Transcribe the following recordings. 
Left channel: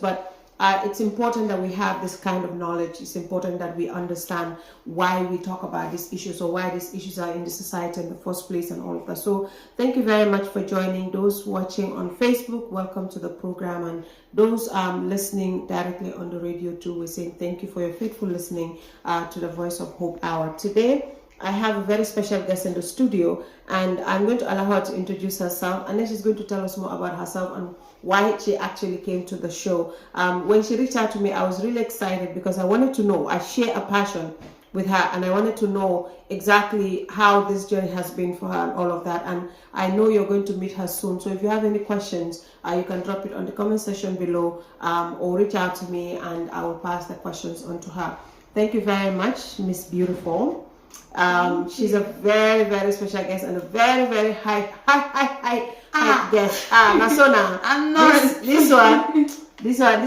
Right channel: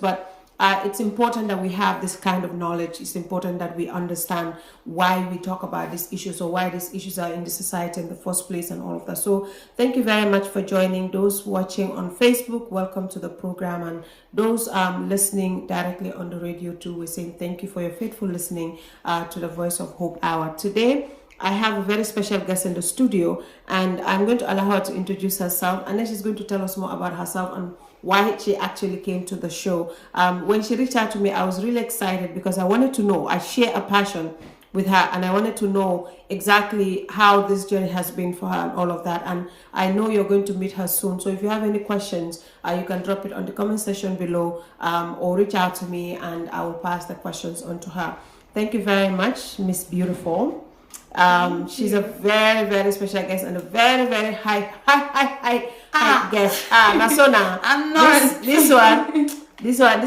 But it's important that we have this kind of knowledge. It's important that we understand why we talk about these issues or why these issues are in the society in the first place and all of that. So thank you very much for joining. Those watching on Facebook, welcome to the program. And those listening directly on the radio too, we're saying thank you for your faithful listening to the Voice of Hope Hour. Today, I have a very special guest in the studio, and I'm going to allow her to introduce herself, and then she's going to tell us more about herself and why she actually came to the show. When she reached out to me, I was really excited because I wanted to know, I share a passion with her, and I wanted to know exactly how this journey has been for her and all of that. And I know you're going to meet her soon, so if you have any questions, you can drop it on the comment section below, or reach out to me and I will pass the questions on to her. Thank you very much, Miss Beautiful. She's a very, very special guest and a very, very high guest. Nasona. I'm not this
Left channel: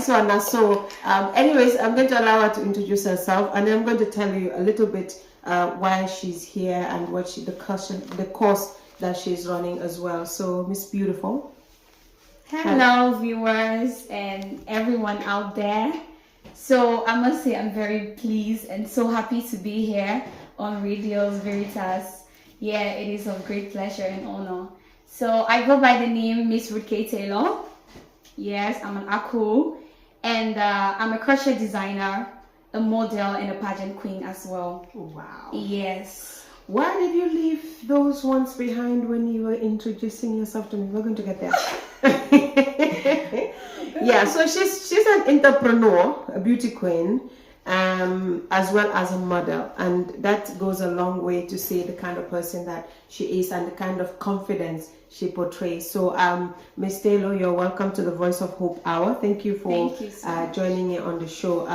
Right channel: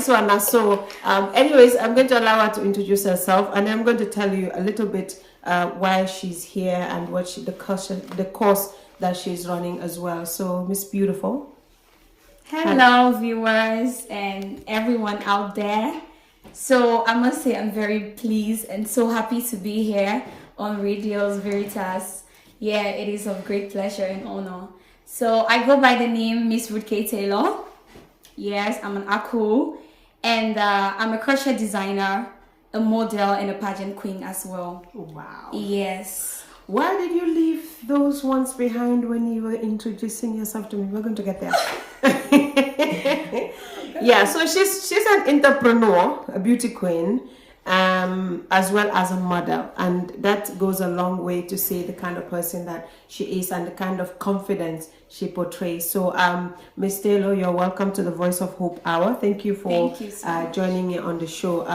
one. So, anyways, I'm going to allow her to introduce herself, and then I'm going to tell you a little bit why she's here and what the course that she's running as well. So, Miss Beautiful. Hello, viewers and everyone out there. So, I must say I'm very pleased and so happy to be here on Radios Veritas. Yeah, it is of great pleasure and honor. So I go by the name Miss Ruth K. Taylor. Yes, I'm an Aku, and I'm a crochet designer, a model, and a pageant queen as well. Wow. Yes. Why did you leave those ones behind when you were introducing yourself to me? We're going to get there. Yeah, so she's an entrepreneur, a beauty queen, as well as a model, and that goes a long way to say the kind of person that she is and the kind of confidence she portrays. So Miss Taylor, you're welcome to the Voice of Hope Hour. Thank you for joining me on the show.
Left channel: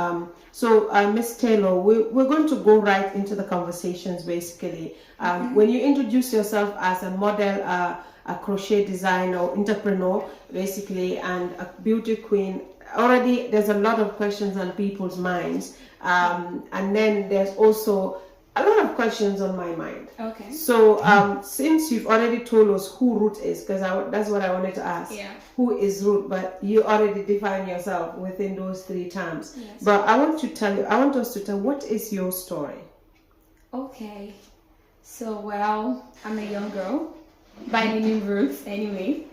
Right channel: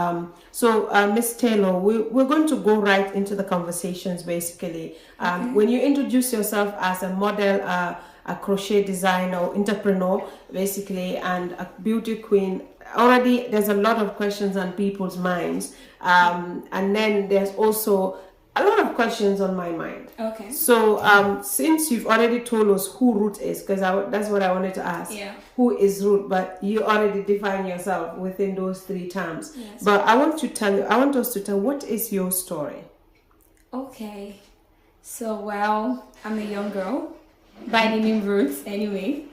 So Miss Taylor, we're going to go right into the conversations basically. When you introduce yourself as a model, a crochet designer, entrepreneur basically, and a beauty queen, already there's a lot of questions on people's minds, and then there's also a lot of questions on my mind. Okay. So since you've already told us who Ruth is, because that's what I wanted to ask. Yeah. Who is Ruth? But you already define yourself within those three terms. Yes. But I want us to tell what is your story. Okay. So well, I'm a young girl by the name Ruth. Anyway,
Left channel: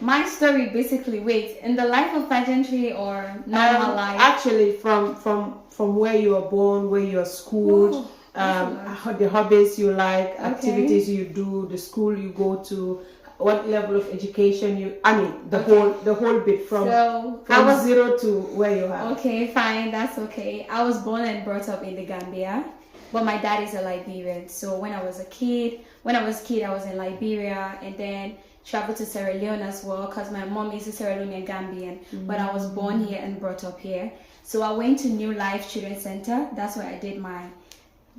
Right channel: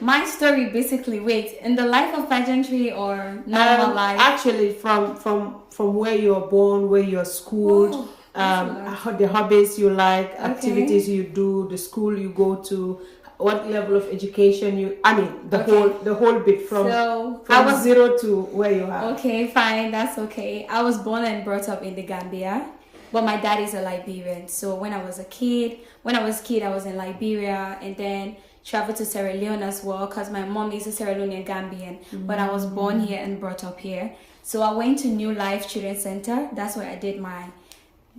my story basically, in the life of pageantry or normal life? Actually, from where you were born, where you are schooled, the hobbies you like, activities you do, the school you go to, what level of education the whole bit from zero to where you are. Okay, fine, that's okay. I was born and brought up in the Gambia, but my dad is a Liberian. So when I was a kid, I was in Liberia, and then traveled to Sierra Leone as well because my mom is a Sierra Leone-Gambian, but I was born here and brought up here. So I went to New Life Children's Center. That's where I did my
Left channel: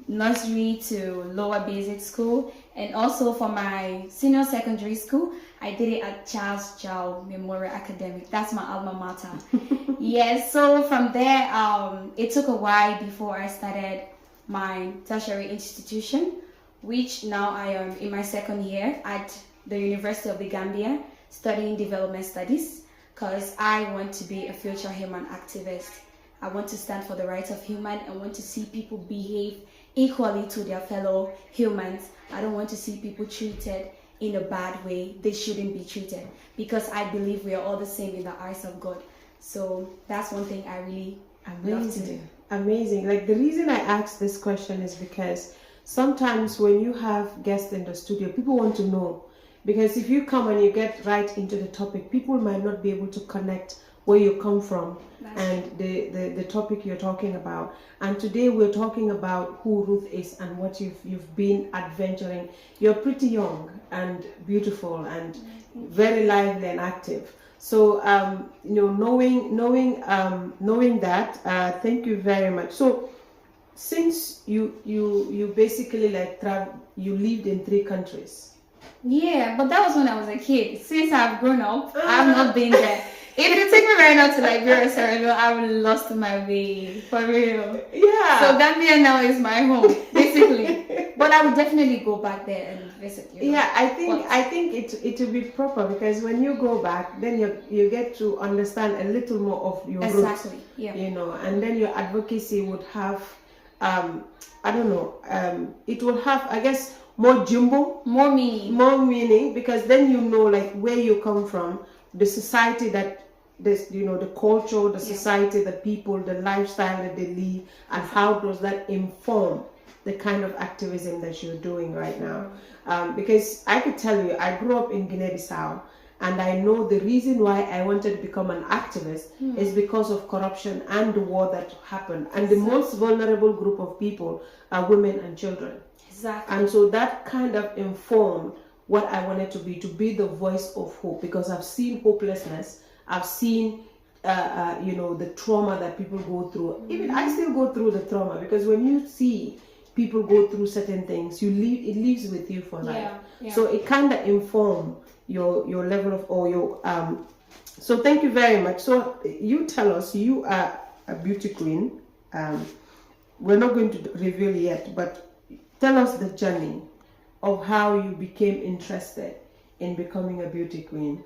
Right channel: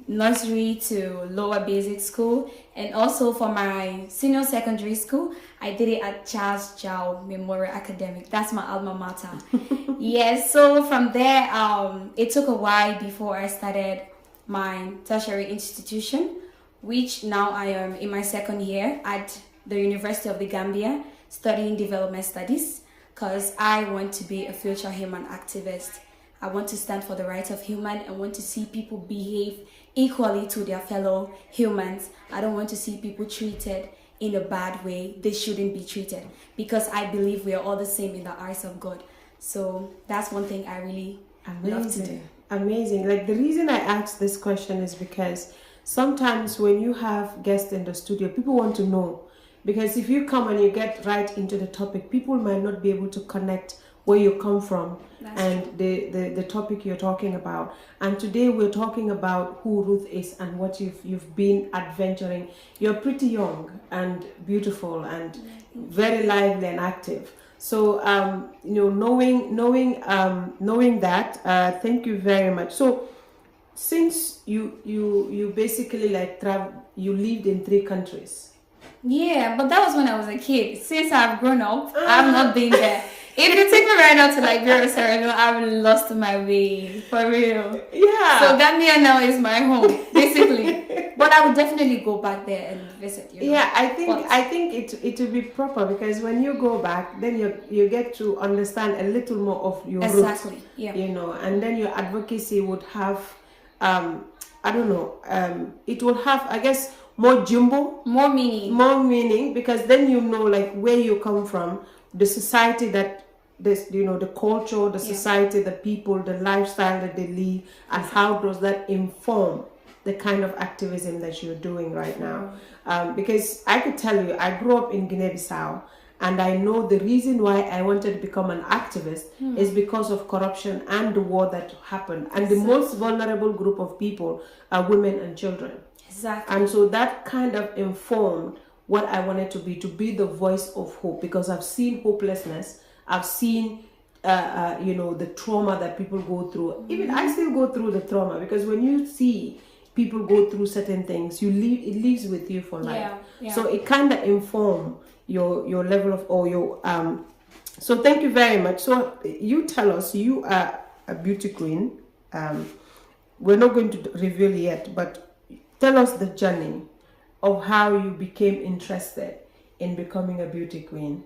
nursery to lower basic school, and also for my senior secondary school, I did it at Charles Jow Memorial Academic. That's my alma mater. Yes, so from there, it took a while before I started my tertiary institution, which now I am in my second year at the University of the Gambia, studying development studies, because I want to be a future human activist. I want to stand for the rights of human. I want to see people behave equally to their fellow humans. I don't want to see people treated in a bad way. They shouldn't be treated, because I believe we are all the same in the eyes of God. So that's one thing I really love to do. Amazing. Like, the reason I asked this question is because sometimes when you have guests in the studio, people want to know. Because if you come and you get right into the topic, people might not be able to connect where you come from and the topic you're talking about. And today we're talking about who Ruth is and what you've been adventuring. You're pretty young and beautiful and very lively and active. So knowing that, thank you very much. So since you basically you lived in 3 countries. Yeah, but that was when I was a kid. Since I've grown up, I've not been there. If you take me right now to Liberia or Sierra Leone, I would lost my way, for real. Yeah. So Gambia now is my home, basically. But I would definitely go back there and visit you. Yeah, I think it will be proper, because when you go back, then you get to understand a little more of your roots. Exactly. Yeah. And then your advocacy would have, I don't know, it will have, I guess, more jumbo, more meaning, because then like where you come from, the society that this, the culture, the society, the people, the lifestyle that they live, and how does that inform the kind of activism that you're doing right now. Because I could tell you, I grew up in Guinea-Bissau, and I know the reason why I wanted to become an activist is because of corruption and the war that happened. And the most vulnerable group of people are women and children. Exactly. And so that kind of informed what I wanted to be the voice of hope, because I've seen hopelessness. I've seen, the trauma that people go through. Even I still go through the trauma, because when you see people go through certain things, it lives with you for life. Yeah. So it kind of informs your level of, or your so thank you very much. So you tell us, you are a beauty queen. We're not going to reveal yet, but tell us the journey of how you became interested in becoming a beauty queen.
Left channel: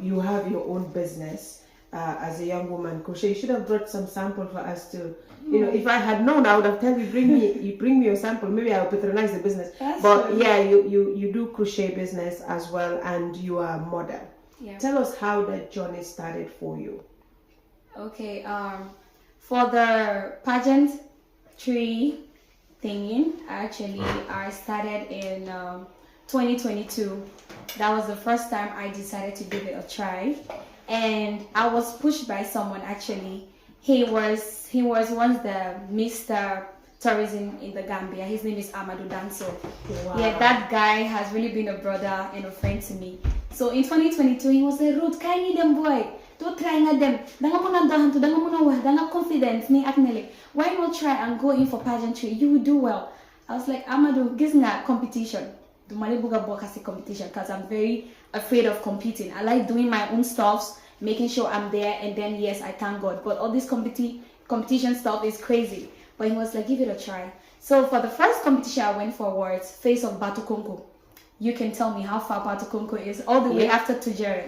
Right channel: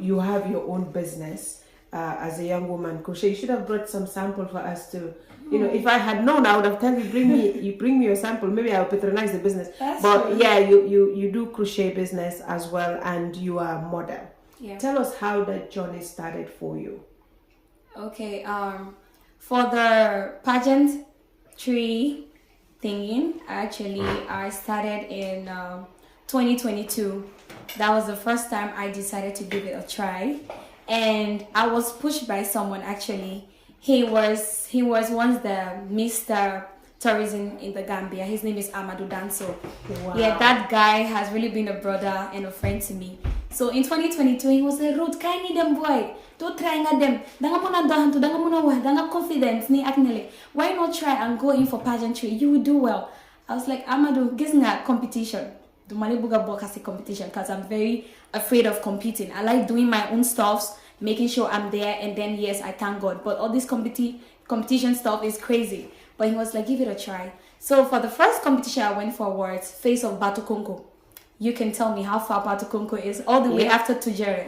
You have your own business as a young woman. Koshe, you should have brought some sample for us to, if I had known, I would have told you, bring me your sample. Maybe I'll patronize the business. But true. Yeah, you do crochet business as well, and you are a model. Yeah. Tell us how that journey started for you. Okay, for the pageantry thingy, actually, I started in 2022. That was the first time I decided to give it a try, and I was pushed by someone. Actually, he was once the Mr. Tourism in the Gambia. His name is Amadou Danso. Wow. Yeah, that guy has really been a brother and a friend to me. So in 2022, he was like, "Road, can you them boy? Don't try at them. Danga confidence ni aknele. Why not try and go in for pageantry? You will do well." I was like, "Amadou, guess na competition. Do Malibuga Bokasi competition, because I'm very afraid of competing. I like doing my own stuffs, making sure I'm there, and then yes, I thank God. But all this competition stuff is crazy." But he was like, "Give it a try." So for the first competition I went for was Face of Batukonko. You can tell me how far Batukonko is, all the way after Tujere.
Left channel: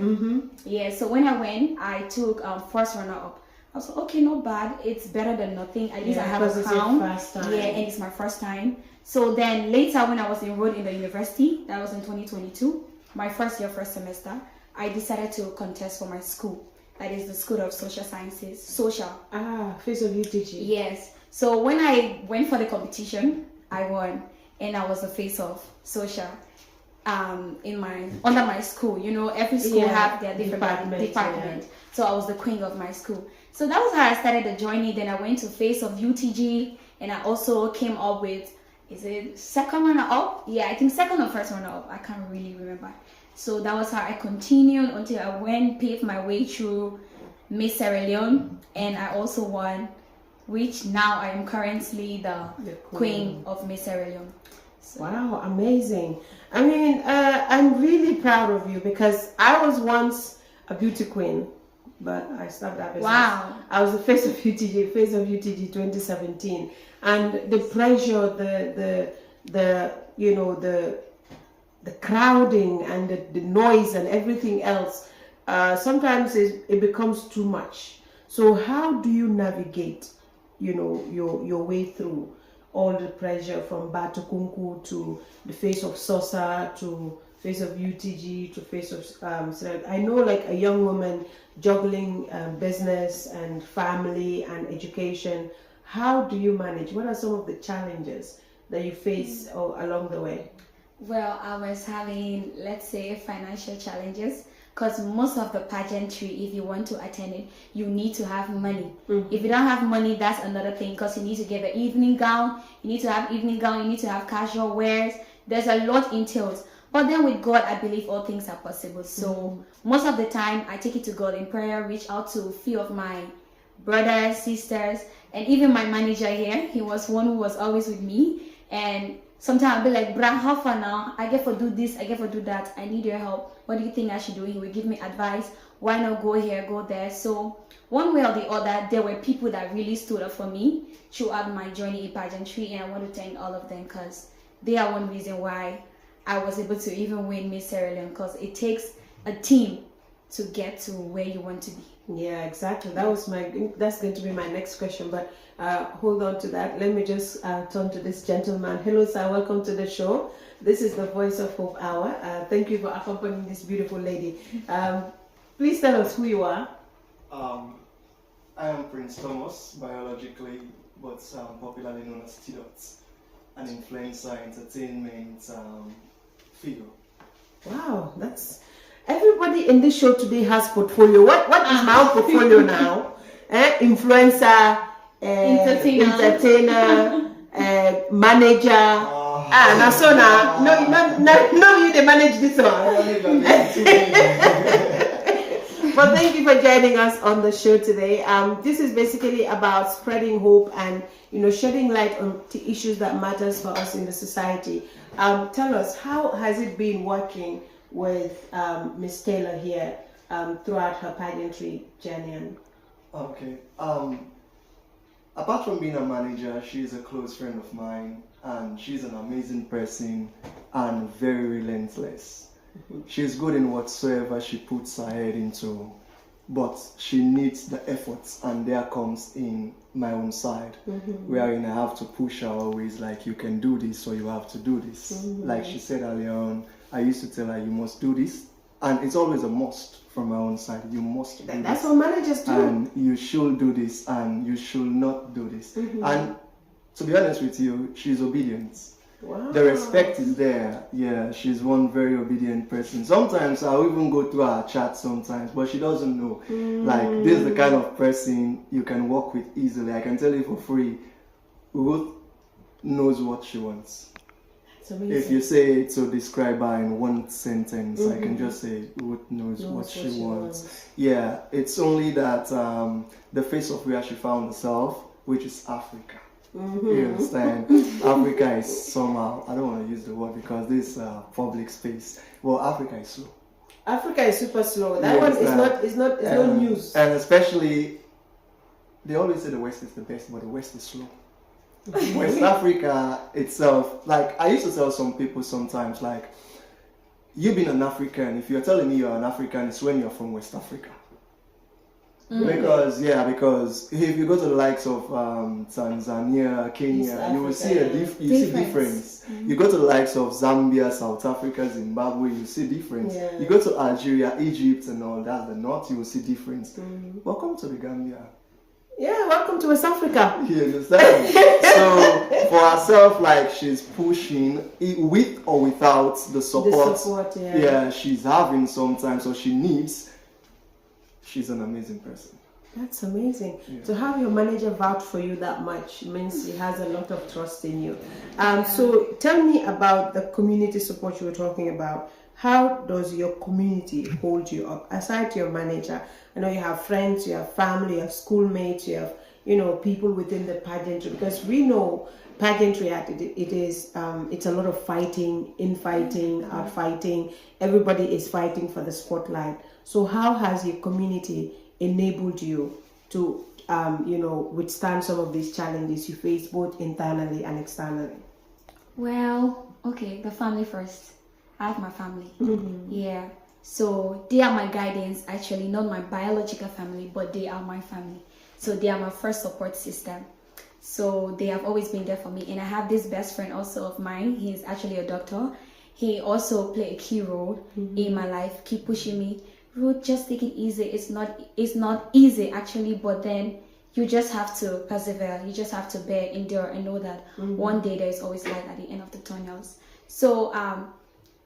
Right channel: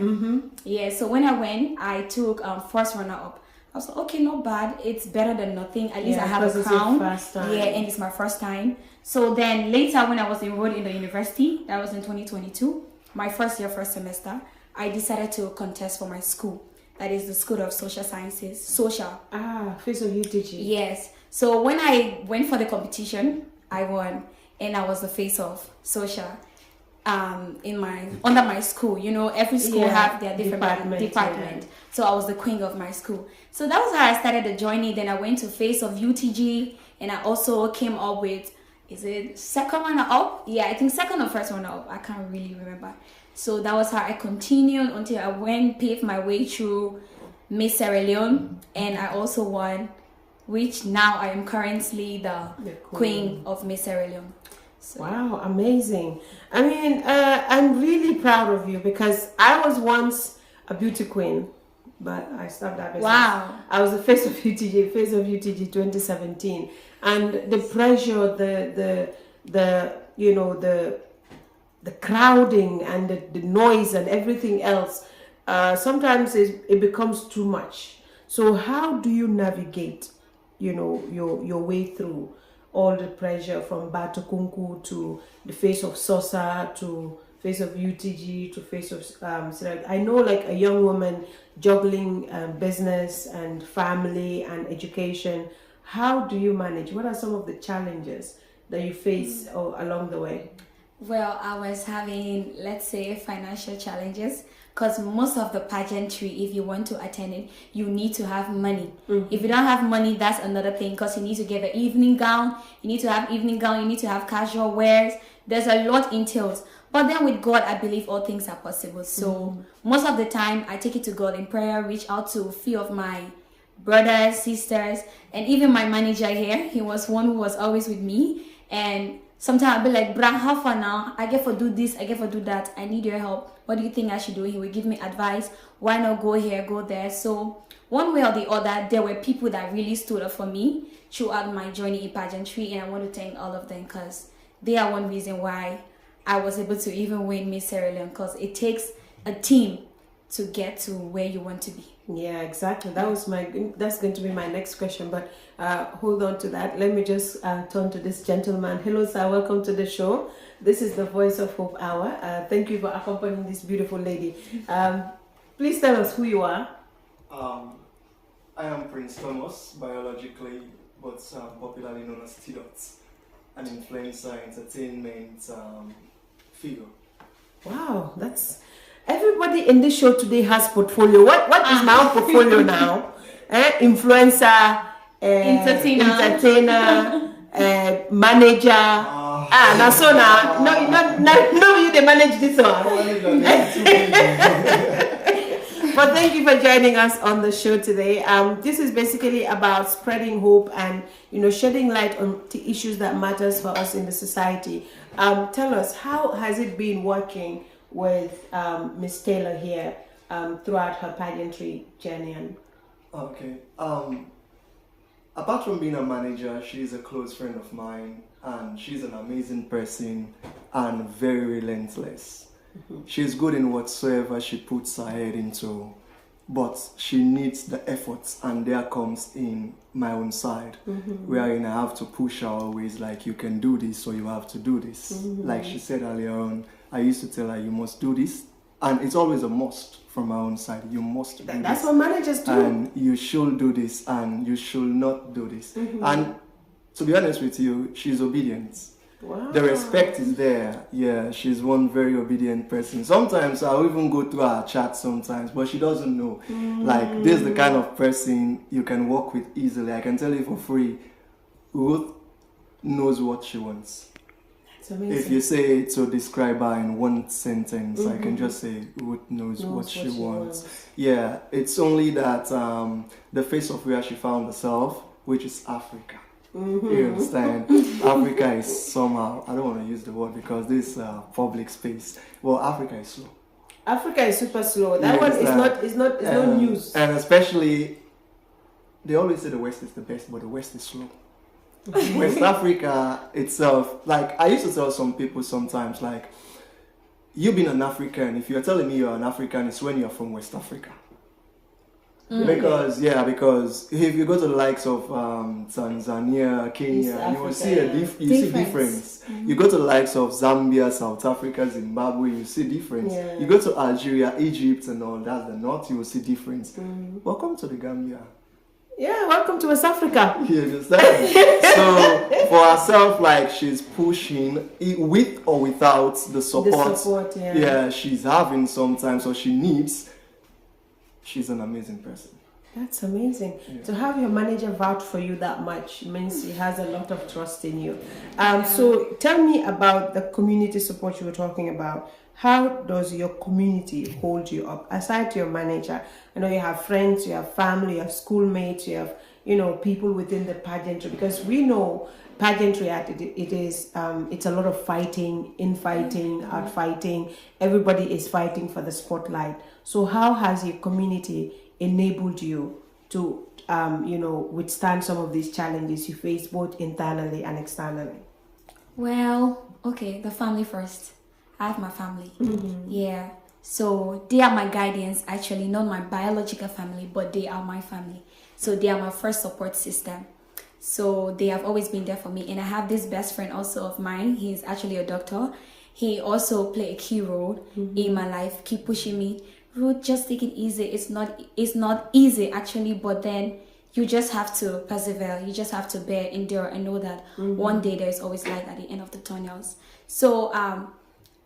Yeah, so when I went, I took first runner up. I was like, okay, not bad. It's better than nothing. At least I have a crown. Yeah, and it's my first time. So then later, when I was enrolled in the university, that was in 2022, my first year, first semester, I decided to contest for my school. That is the School of Social Sciences, Social. Face of UTG. Yes. So when I went for the competition, I won, and I was the face of Social. Under my school, every school have their different department. Yeah. So I was the queen of my school. So that was how I started the journey. Then I went to Face of UTG, and I also came up with, is it second runner up? Yeah, I think second or first runner up. I can't really remember. So that was how I continued until I paved my way through Miss Sierra Leone, and I also won, which now I am currently the queen of Miss Sierra Leone. So. Wow, amazing. I mean, I'm really proud of you, because I was once a beauty queen, but I stopped that business. Wow. I was the face of UTG 2017. And the pressure, the crowding and the noise and everything else, sometimes it becomes too much. So how do you navigate, your way through all the pressure from Batukunku to the face of Sosa to face of UTG to face of I know, like, a young woman juggling business and family and education. How do you manage? What are some of the challenges that you face along the way? Well, I was having, let's say, financial challenges, because most of the pageantry, if you want to attend it, you need to have money. If you don't have money, that's another thing, because you need to get an evening gown, you need to have casual wears. There's a lot entails. But then with God, I believe all things are possible. So most of the time, I take it to God in prayer, reach out to a few of my brothers, sisters, and even my manager here. He was one who was always with me. And sometimes I'll be like, "Bra, how far now? I get for do this, I get for do that. I need your help. What do you think I should do?" He would give me advice. Why not go here, go there? So one way or the other, there were people that really stood up for me throughout my journey in pageantry. And I want to thank all of them, because they are one reason why I was able to even win Miss Sierra Leone, because it takes a team to get to where you want to be. Yeah, exactly. That's going to be my next question, but hold on to that. Let me just turn to this gentleman. Hello, sir. Welcome to the show. This is the Voice of Hope Hour. Thank you for accompanying this beautiful lady. Please tell us who you are. I am Prince Thomas, biologically, but popularly known as T-Dots, an influencer, entertainment figure. Wow, that's... Everybody in this show today has portfolio. What is my own portfolio now? Influencer, entertainer, manager. No, you they manage this one. But thank you for joining us on the show today. This is basically about spreading hope and shedding light on the issues that matters for us in the society. Tell us, how has it been working with Miss Taylor here throughout her pageantry journey? Okay. Apart from being a manager, she's a close friend of mine, and she's an amazing person and very relentless. Mm-hmm. She's good in whatsoever she puts her head into, but she needs the efforts, and there comes in my own side, wherein I have to push her always, like, you can do this, or you have to do this. Like she said earlier on, I used to tell her, you must do this, and it's always a must from my own side. You must do That's this. what managers do. And you should do this, and you should not do this. And to be honest with you, she's obedient. Wow. The respect is there. Yeah, she's one very obedient person. Sometimes I'll even go through her chat sometimes, but she doesn't know. Like, this is the kind of person you can work with easily. I can tell you for free, Ruth knows what she wants. That's amazing. If you say to describe her in one sentence, I can just say Ruth knows what she wants. Yeah, it's only that the face of where she found herself, which is Africa. You understand? Africa is somehow, I don't want to use the word because this public space. Well, Africa is slow. Africa is super slow. That one is not news. And especially, they always say the West is the best, but the West is slow. West Africa itself, like, I used to tell some people sometimes, like, you being an African, if you're telling me you're an African, it's when you're from West Africa. Because if you go to the likes of Tanzania, Kenya, you will see see difference. You go to the likes of Zambia, South Africa, Zimbabwe, you see difference. You go to Algeria, Egypt, and all that, the north, you will see difference. Welcome to the Gambia. Yeah, welcome to West Africa. You understand? So for herself, like, she's pushing with or without the support. She's having sometimes, or she needs. She's an amazing person. That's amazing. To have your manager vouch for you that much means he has a lot of trust in you. So tell me about the community support you were talking about. How does your community hold you up? Aside to your manager, I know you have friends, you have family, you have schoolmates, you have people within the pageantry, because we know pageantry it's a lot of fighting, infighting, outfighting. Everybody is fighting for the spotlight. So how has your community enabled you to withstand some of these challenges you face both internally and externally? Well, okay, the family first. I have my family. Yeah. So they are my guardians, actually, not my biological family, but they are my family. So they are my first support system. So they have always been there for me. And I have this best friend also of mine. He's actually a doctor. He also played a key role in my life, keep pushing me. Ruth, just take it easy. It's not easy, actually, but then you just have to persevere. You just have to bear, endure, and know that one day there is always light at the end of the tunnels. So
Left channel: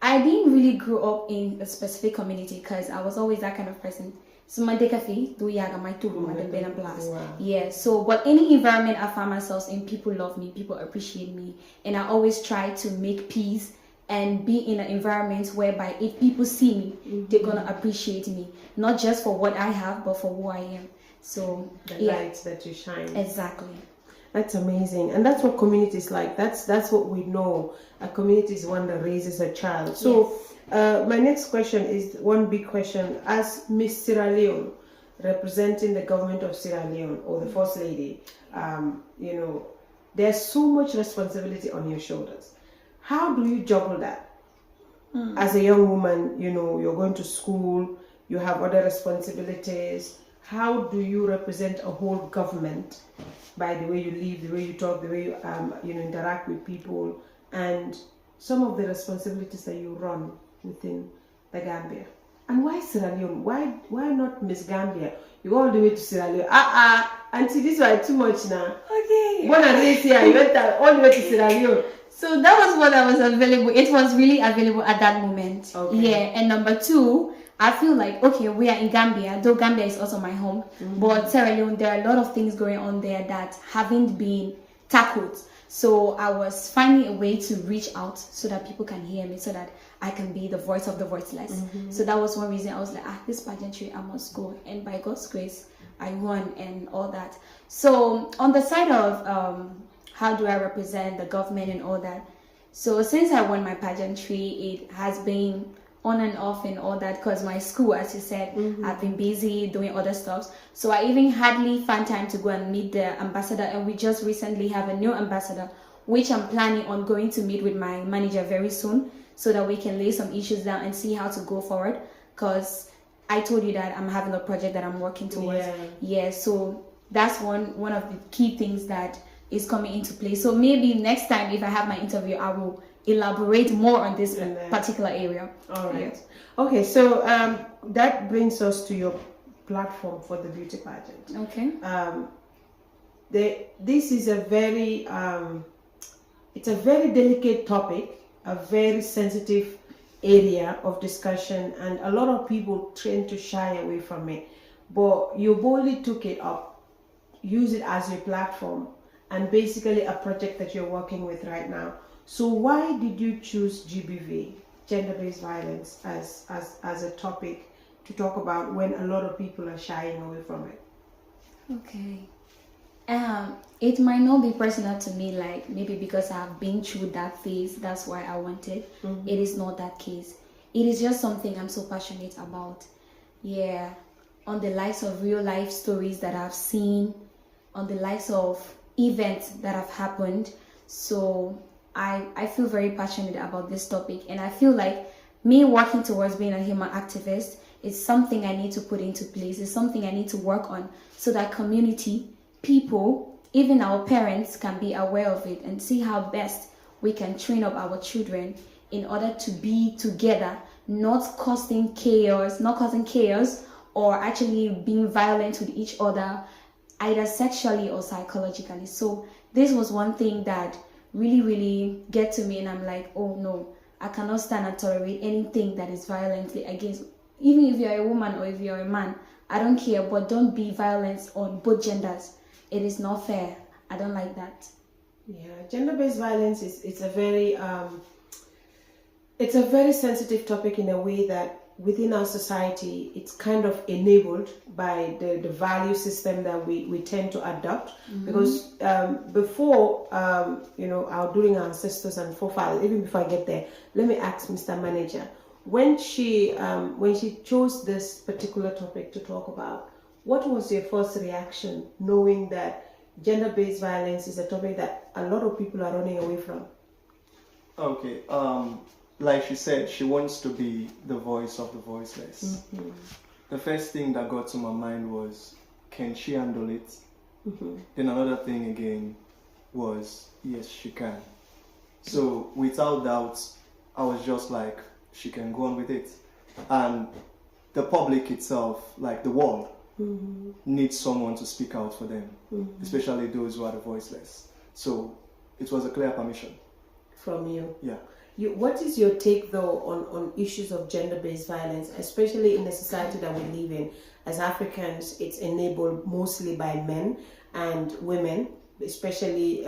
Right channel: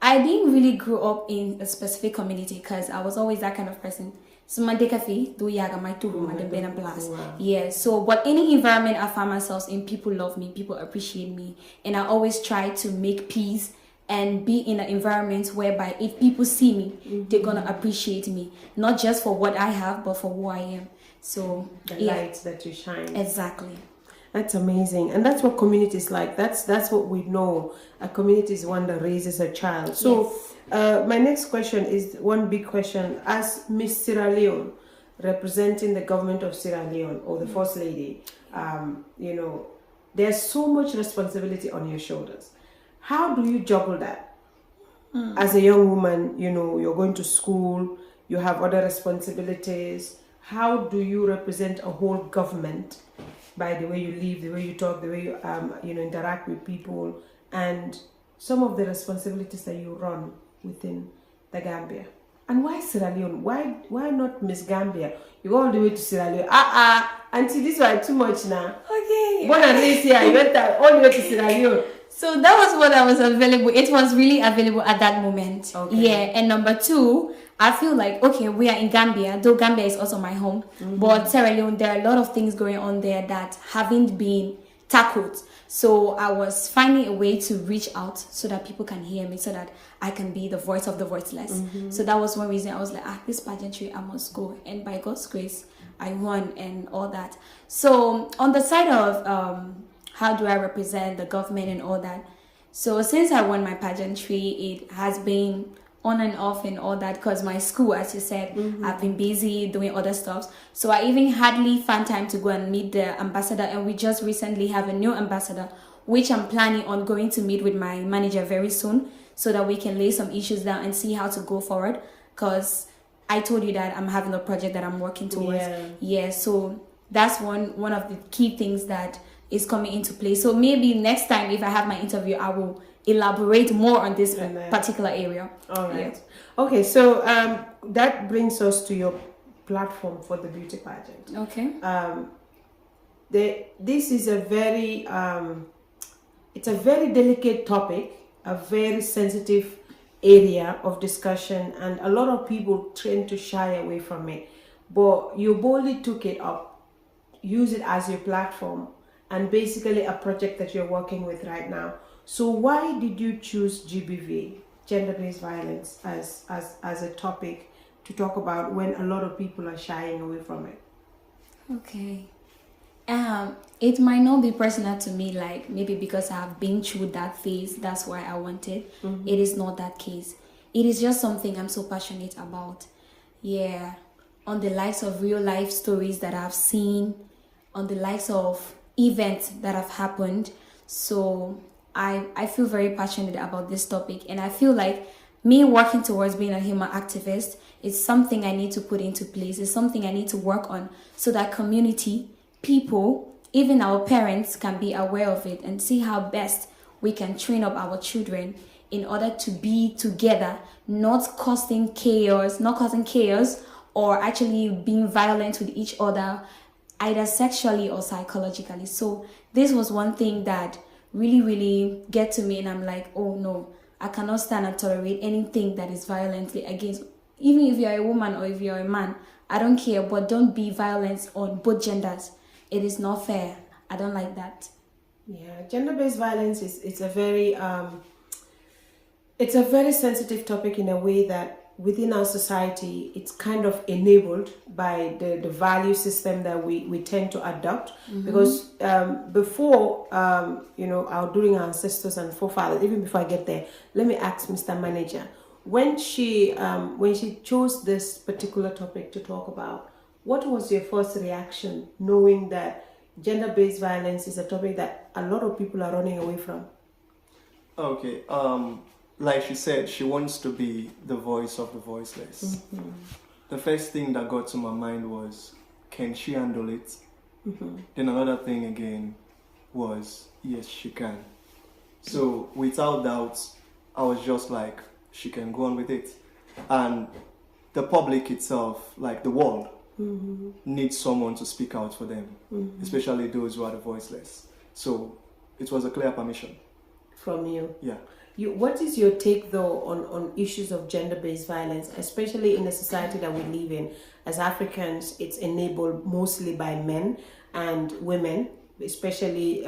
I didn't really grow up in a specific community because I was always that kind of person. So my yeah. So but any environment I find myself in, people love me, people appreciate me, and I always try to make peace and be in an environment whereby if people see me, they're gonna appreciate me, not just for what I have, but for who I am. So the light that you shine. Exactly. That's amazing, and that's what community is like. That's what we know. A community is one that raises a child. So my next question is one big question. As Miss Sierra Leone, representing the government of Sierra Leone, or the First Lady, there's so much responsibility on your shoulders. How do you juggle that? As a young woman, you're going to school, you have other responsibilities. How do you represent a whole government by the way you live, the way you talk, the way you interact with people, and some of the responsibilities that you run within the Gambia? And why Sierra Leone? Why not Miss Gambia? You go all the way to Sierra Leone. Auntie, this was too much now. Okay. Born and raised here, you went all the way to Sierra Leone. So that was what I was available. It was really available at that moment. Okay. Yeah. And number two, I feel like, okay, we are in Gambia, though Gambia is also my home. But Sierra Leone, there are a lot of things going on there that haven't been tackled. So I was finding a way to reach out so that people can hear me, so that I can be the voice of the voiceless. So that was one reason I was like, this pageantry, I must go. And by God's grace, I won and all that. So on the side of how do I represent the government and all that. So since I won my pageantry, it has been on and off and all that, because my school, as you said, I've been busy doing other stuff. So I even hardly find time to go and meet the ambassador. And we just recently have a new ambassador, which I'm planning on going to meet with my manager very soon, so that we can lay some issues down and see how to go forward. Because I told you that I'm having a project that I'm working towards. Yeah, so that's one of the key things that is coming into play. So maybe next time if I have my interview, I will elaborate more on this particular area. All right. Yeah. Okay, so that brings us to your platform for the beauty pageant. Okay. This is a very it's a very delicate topic, a very sensitive area of discussion, and a lot of people tend to shy away from it. But you boldly took it up, use it as your platform, and basically a project that you're working with right now. So why did you choose GBV, gender-based violence, as a topic to talk about when a lot of people are shying away from it? Okay. It might not be personal to me, like maybe because I've been through that phase, that's why I want it. It is not that case. It is just something I'm so passionate about. Yeah. On the likes of real life stories that I've seen, on the likes of events that have happened. So I feel very passionate about this topic, and I feel like me working towards being a human activist is something I need to put into place. It's something I need to work on so that community, people, even our parents can be aware of it and see how best we can train up our children in order to be together, not causing chaos or actually being violent with each other, either sexually or psychologically. So this was one thing that really get to me, and I'm like, oh no, I cannot stand and tolerate anything that is violently against, even if you're a woman or if you're a man, I don't care, but don't be violent on both genders. It is not fair. I don't like that. Yeah, gender-based violence it's a very sensitive topic in a way that within our society it's kind of enabled by the value system that we tend to adopt. Because before during our ancestors and forefathers, even before I get there, let me ask Mr. Manager, when she chose this particular topic to talk about, what was your first reaction knowing that gender-based violence is a topic that a lot of people are running away from? Okay, like she said, she wants to be the voice of the voiceless. The first thing that got to my mind was, can she handle it? Then another thing again was, yes, she can. So without doubt, I was just like, she can go on with it. And the public itself, like the world, needs someone to speak out for them, especially those who are the voiceless. So it was a clear permission. From you? Yeah. What is your take though on issues of gender-based violence, especially in the society that we live in? As Africans, it's enabled mostly by men and women, especially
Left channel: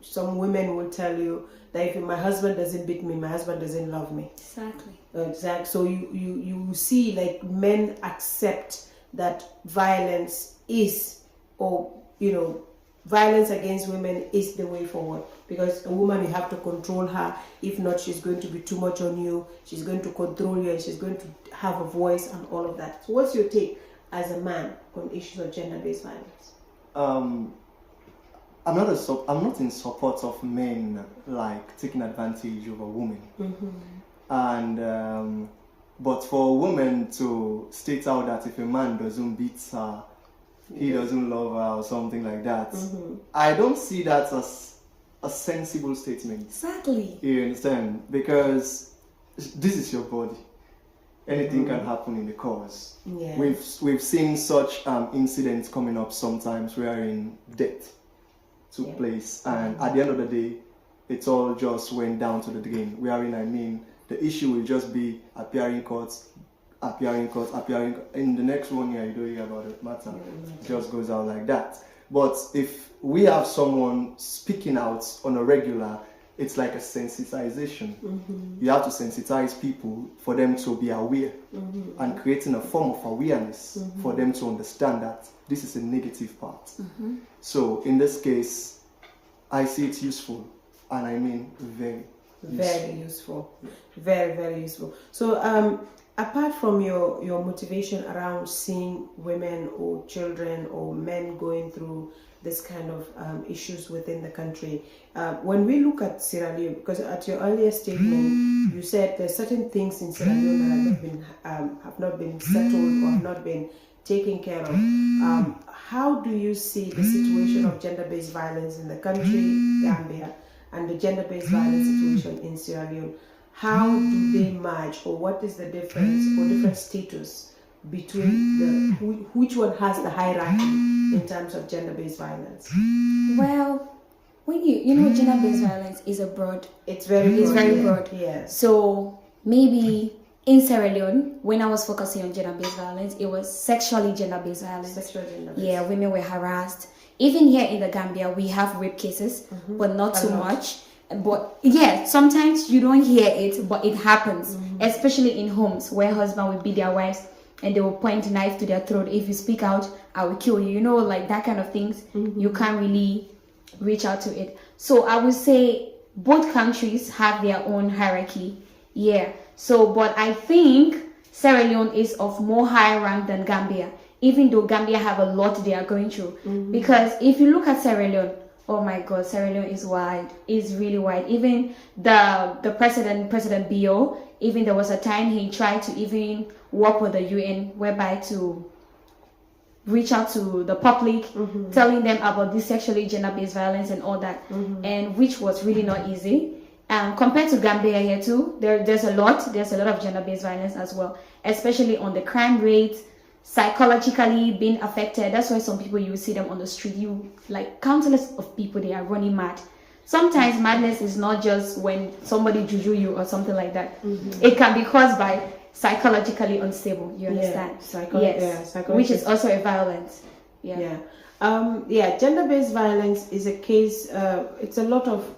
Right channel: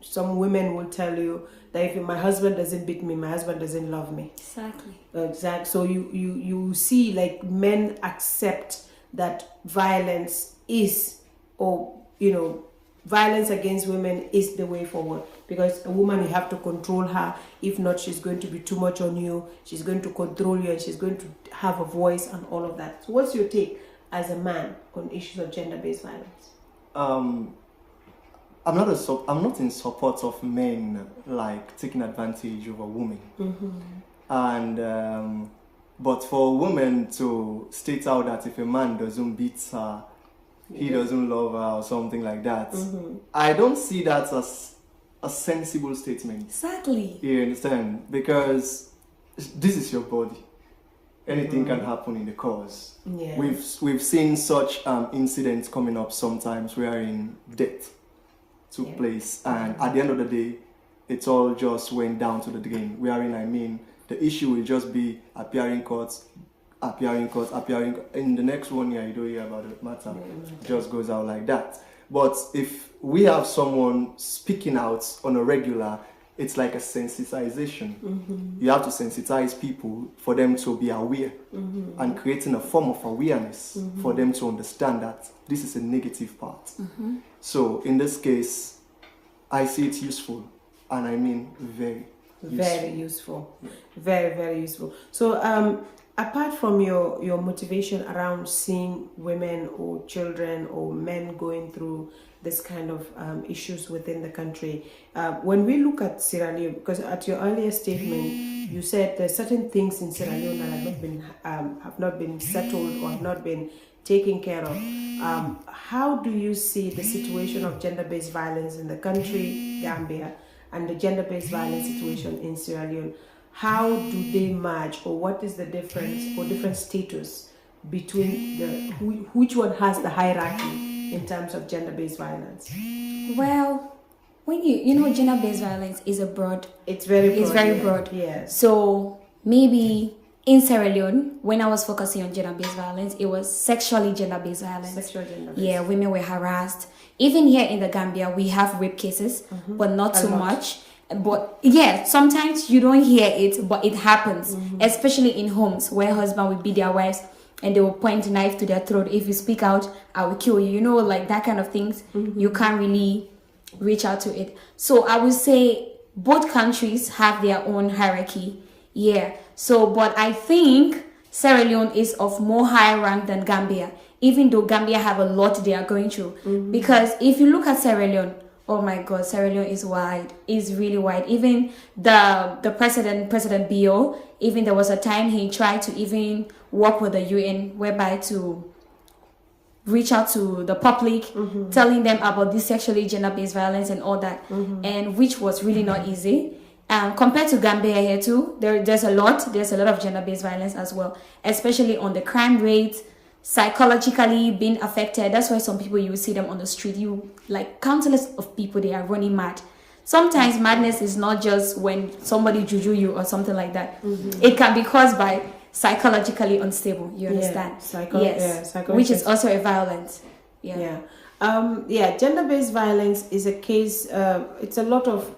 some women will tell you that if my husband doesn't beat me, my husband doesn't love me. Exactly. So you see, like, men accept that violence is, violence against women is the way forward, because a woman, you have to control her. If not, she's going to be too much on you, she's going to control you, and she's going to have a voice and all of that. So what's your take as a man on issues of gender-based violence? I'm not in support of men like taking advantage of a woman. And but for a woman to state out that if a man doesn't beat her, he doesn't love her or something like that, I don't see that as a sensible statement. Exactly. You understand? Because this is your body. Anything can happen in the course. Yeah. We've seen such incidents coming up sometimes wherein death took place, and at the end of the day, it all just went down to the drain. Wherein, I mean, the issue will just be appearing courts. In the next 1 year, you don't hear about the matter. It just goes out like that. But if we have someone speaking out on a regular, it's like a sensitization. You have to sensitize people for them to be aware and creating a form of awareness for them to understand that this is a negative part. So in this case, I see it useful, and I mean very useful. Very, very useful. So apart from your motivation around seeing women or children or men going through this kind of issues within the country, when we look at Sierra Leone, because at your earlier statement you said there's certain things in Sierra Leone that have not been settled or have not been taken care of. How do you see the situation of gender-based violence in the country, Gambia, and the gender-based violence situation in Sierra Leone? How do they match, or what is the difference or different status between which one has the hierarchy in terms of gender-based violence? Well, when you know gender-based violence is a broad. It's very broad. Yes. So maybe in Sierra Leone, when I was focusing on gender-based violence, it was sexually gender-based violence. Yeah, women were harassed. Even here in the Gambia, we have rape cases, but not too much. But yeah, sometimes you don't hear it, but it happens, especially in homes where husband will beat their wives and they will point a knife to their throat. If you speak out, I will kill you. You know, like that kind of things. You can't really reach out to it. So I would say both countries have their own hierarchy. Yeah. So, but I think Sierra Leone is of more high rank than Gambia, even though Gambia have a lot they are going through. Because if you look at Sierra Leone, oh my God, Sierra Leone is wide. Is really wide. Even the President Bio, even there was a time he tried to even work with the UN, whereby to reach out to the public, telling them about this sexually gender-based violence and all that, and which was really not easy. Compared to Gambia here too, there's a lot of gender-based violence as well, especially on the crime rate, psychologically being affected. That's why some people, you see them on the street, you like countless of people, they are running mad. Sometimes madness is not just when somebody juju you or something like that. It can be caused by psychologically unstable, you understand? Which is also a violence. Gender-based violence is a case. There's a lot of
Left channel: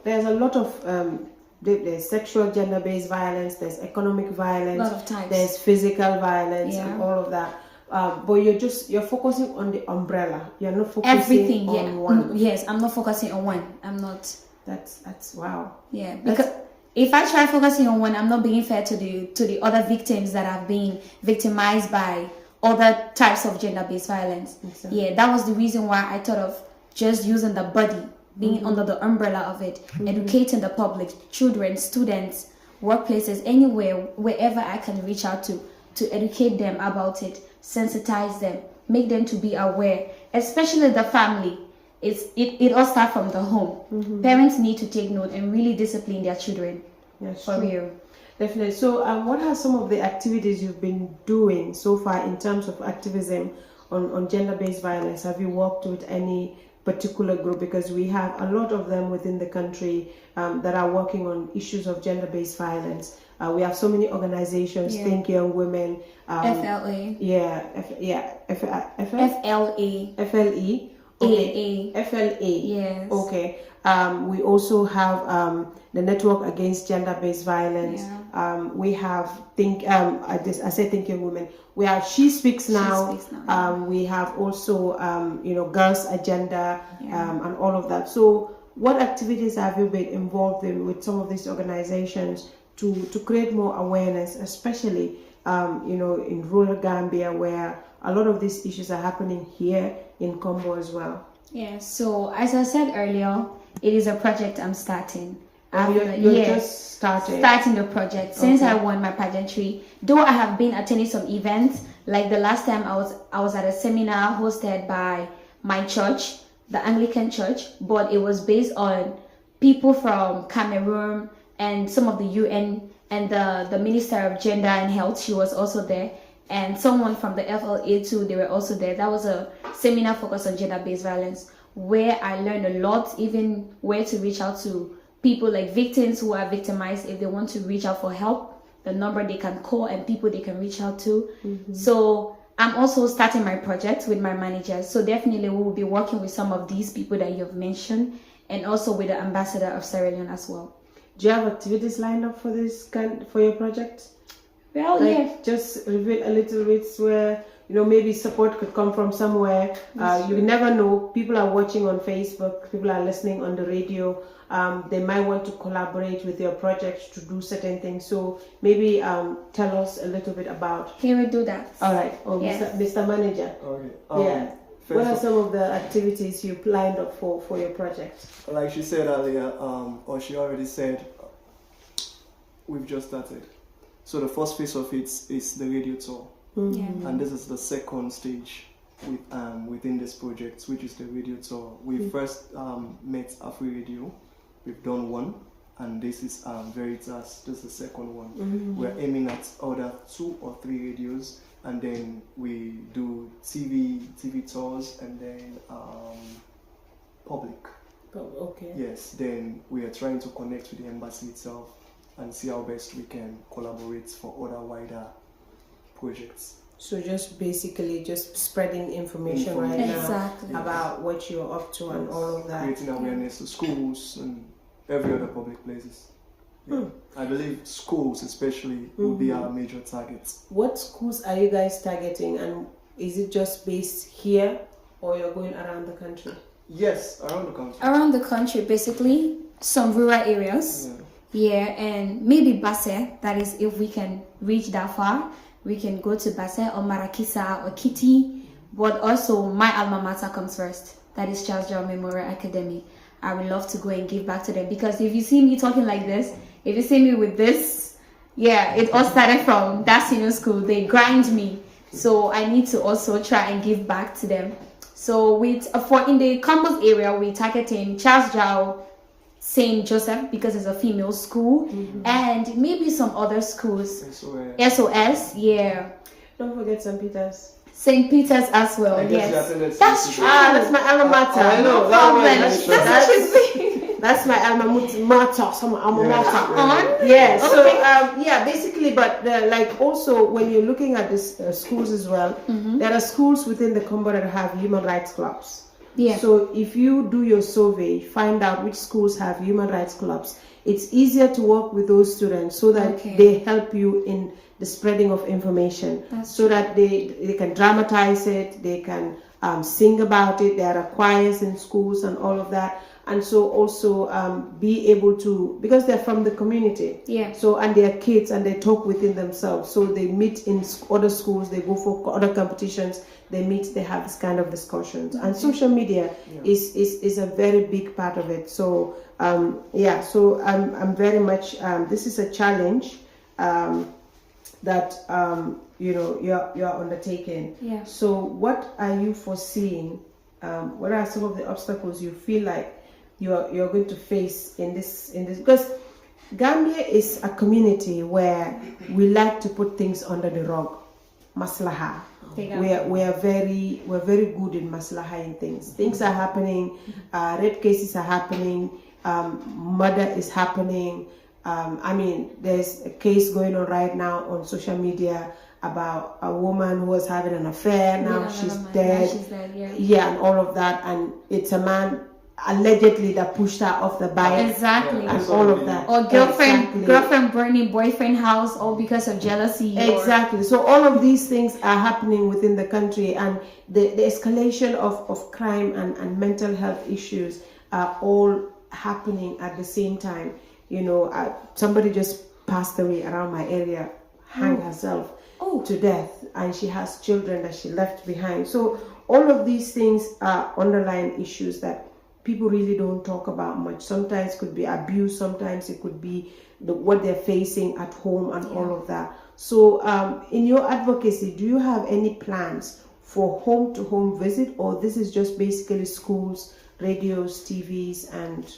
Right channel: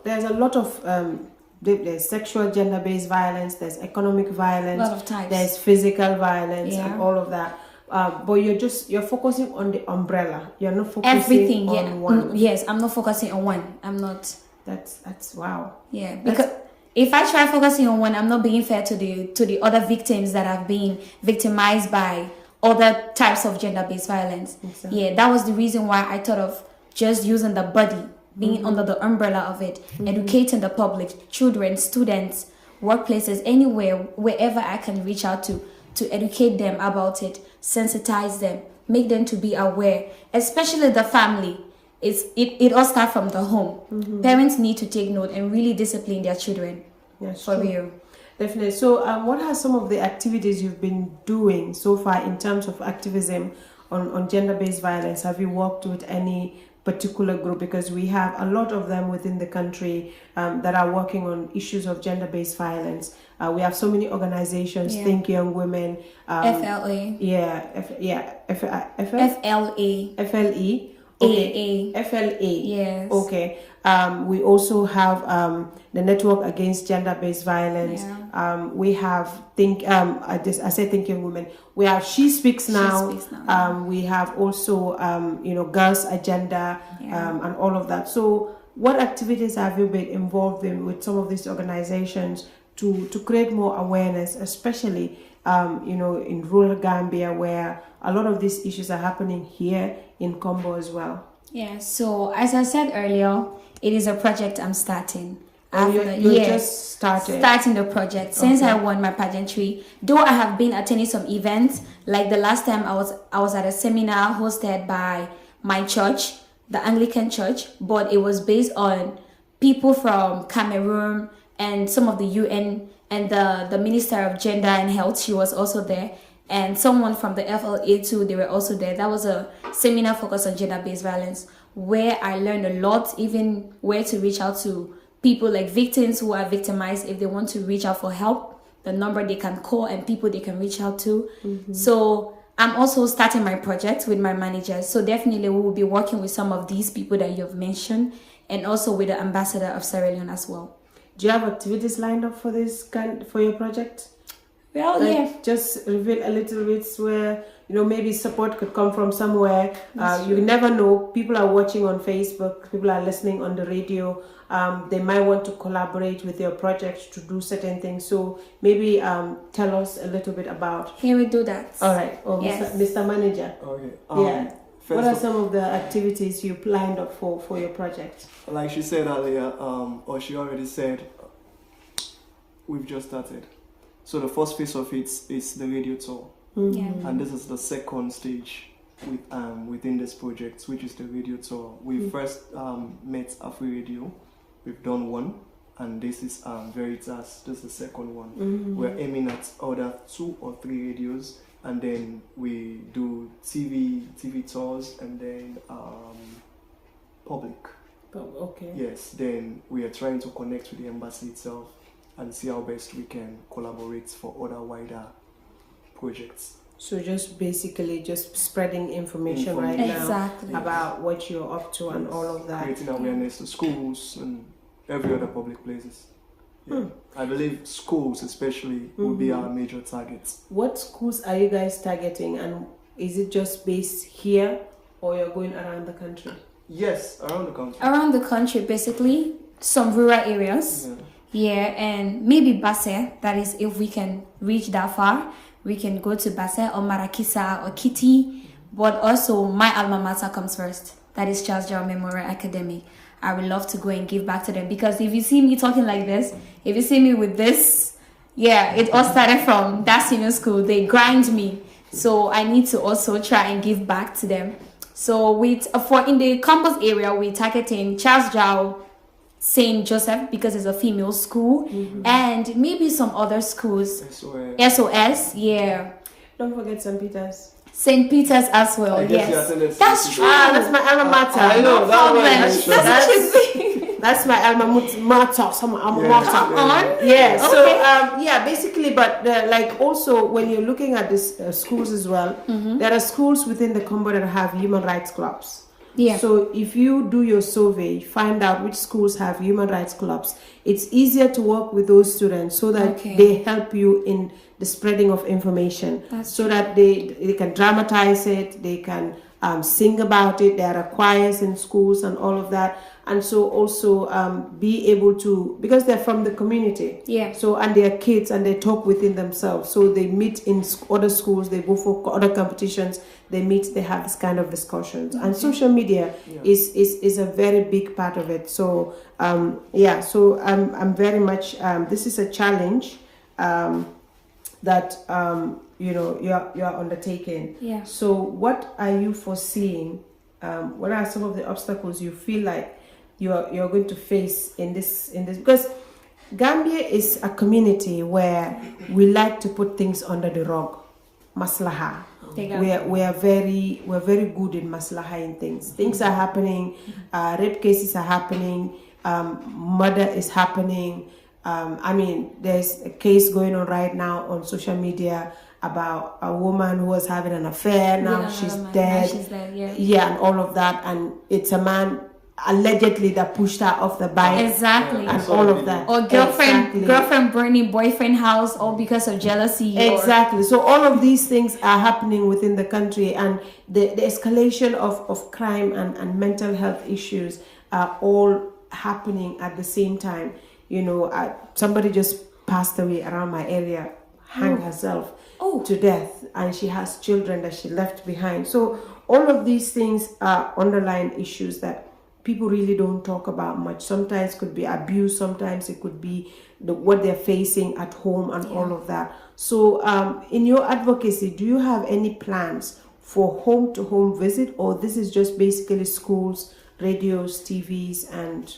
there's sexual gender-based violence, there's economic violence, a lot of types. There's physical violence, and all of that. But you're focusing on the umbrella. You're not focusing on one. Yes, I'm not focusing on one. I'm not. That's wow. Yeah, because if I try focusing on one, I'm not being fair to the other victims that have been victimized by other types of gender-based violence. Exactly. Yeah, that was the reason why I thought of just using the body, being under the umbrella of it, educating the public, children, students, workplaces, anywhere, wherever I can reach out to educate them about it, sensitize them, make them to be aware, especially the family. It all starts from the home. Parents need to take note and really discipline their children. Yes, for real. Definitely. So what are some of the activities you've been doing so far in terms of activism on gender-based violence? Have you worked with any particular group? Because we have a lot of them within the country that are working on issues of gender-based violence. We have so many organizations, Think Young Women, FLA. FLE. Okay. FLA. Yes. Okay. We also have the Network Against Gender-Based Violence. We have I say Think Young Women. We have She Speaks Now. We have also Girls Agenda and all of that. So what activities have you been involved in with some of these organizations to create more awareness, especially in rural Gambia, where a lot of these issues are happening here in Combo as well? Yeah, so as I said earlier, it is a project I'm starting. And After- you're yeah, just started. starting the project since Okay. I won my pageantry. Though I have been attending some events, like the last time I was at a seminar hosted by my church, the Anglican Church, but it was based on people from Cameroon and some of the UN and the Minister of Gender and Health. She was also there, and someone from the FLA too. They were also there. That was a seminar focused on gender-based violence, where I learned a lot, even where to reach out to people like victims who are victimized if they want to reach out for help, the number they can call and people they can reach out to. So I'm also starting my project with my manager. So definitely we will be working with some of these people that you've mentioned and also with the ambassador of Sierra Leone as well. Do you have activities lined up for for your project? Well, Like, yeah. just reveal a little bit where maybe support could come from somewhere. You never know. People are watching on Facebook. People are listening on the radio. They might want to collaborate with your project to do certain things. So maybe tell us a little bit about. He will do that. All right. Oh, Yes. Mr. Manager. Okay. Yeah. What are First, some of the activities you lined up for your project? like she said earlier, or she already said, we've just started. So the first phase of it is the radio tour, Yeah. and this is the second stage within this project, which is the radio tour. We first met Afri Radio. We've done one, and this is Veritas. This is the second one. We're aiming at other 2 or 3 radios, and then we do TV tours, and then public. Oh, okay. Yes, then we are trying to connect with the embassy itself and see how best we can collaborate for other wider projects. So just basically just spreading information right Exactly. now about what you're up to and all of that. Creating awareness to schools and every other public places. Yeah. I believe schools especially will be our major targets. What schools are you guys targeting, and is it just based here or you're going around the country? Yes, around the country. Around the country, basically, some rural areas. Yeah. Yeah, and maybe Basse, that is if we can reach that far, we can go to Basse or Marakisa or Kitty, but also my alma mater comes first. That is Charles Jow Memorial Academy. I would love to go and give back to them, because if you see me talking like this, if you see me with this, yeah, it all started from that senior school. They grind me, so I need to also try and give back to them. So for in the campus area, we're targeting Charles Jow, St. Joseph, because it's a female school, and maybe some other schools. SOS, yeah. Don't forget St. Peter's. St. Peter's as well, I guess you attended yes. That's St. true. That's my alma mater. I know, No problem. that's what That's my alma mater. Some alma mater. Yeah. Yeah. So basically, but like also when you're looking at these schools as well, there are schools within the combo that have human rights clubs. Yeah. So if you do your survey, find out which schools have human rights clubs. It's easier to work with those students so that they help you in the spreading of information. So that they can dramatize it, they can sing about it. There are choirs in schools and all of that. And so also be able to, because they're from the community. Yeah. So, and they're kids and they talk within themselves. So they meet in other schools, they go for other competitions, they meet, they have this kind of discussions. And social media is a very big part of it. So, so I'm very much, this is a challenge that, you're undertaking. Yeah. So what are you foreseeing? What are some of the obstacles you feel like you're going to face in this? Because Gambia is a community where we like to put things under the rug. Maslaha. We're very good in maslaha in things. Things are happening, rape cases are happening, murder is happening. There's a case going on right now on social media about a woman who was having an affair. Now she's dead. And all of that. And it's a man allegedly that pushed her off the bike. Exactly. And all of that. Or girlfriend burning boyfriend house, all because of jealousy. Exactly. So all of these things are happening within the country, and the escalation of crime and mental health issues are all happening at the same time. Somebody just passed away around my area, hanged herself to death, and she has children that she left behind. So all of these things are underlying issues that people really don't talk about much. Sometimes it could be abuse, sometimes it could be what they're facing at home and all of that. So in your advocacy, do you have any plans for home-to-home visit, or this is just basically schools, radios, TVs, and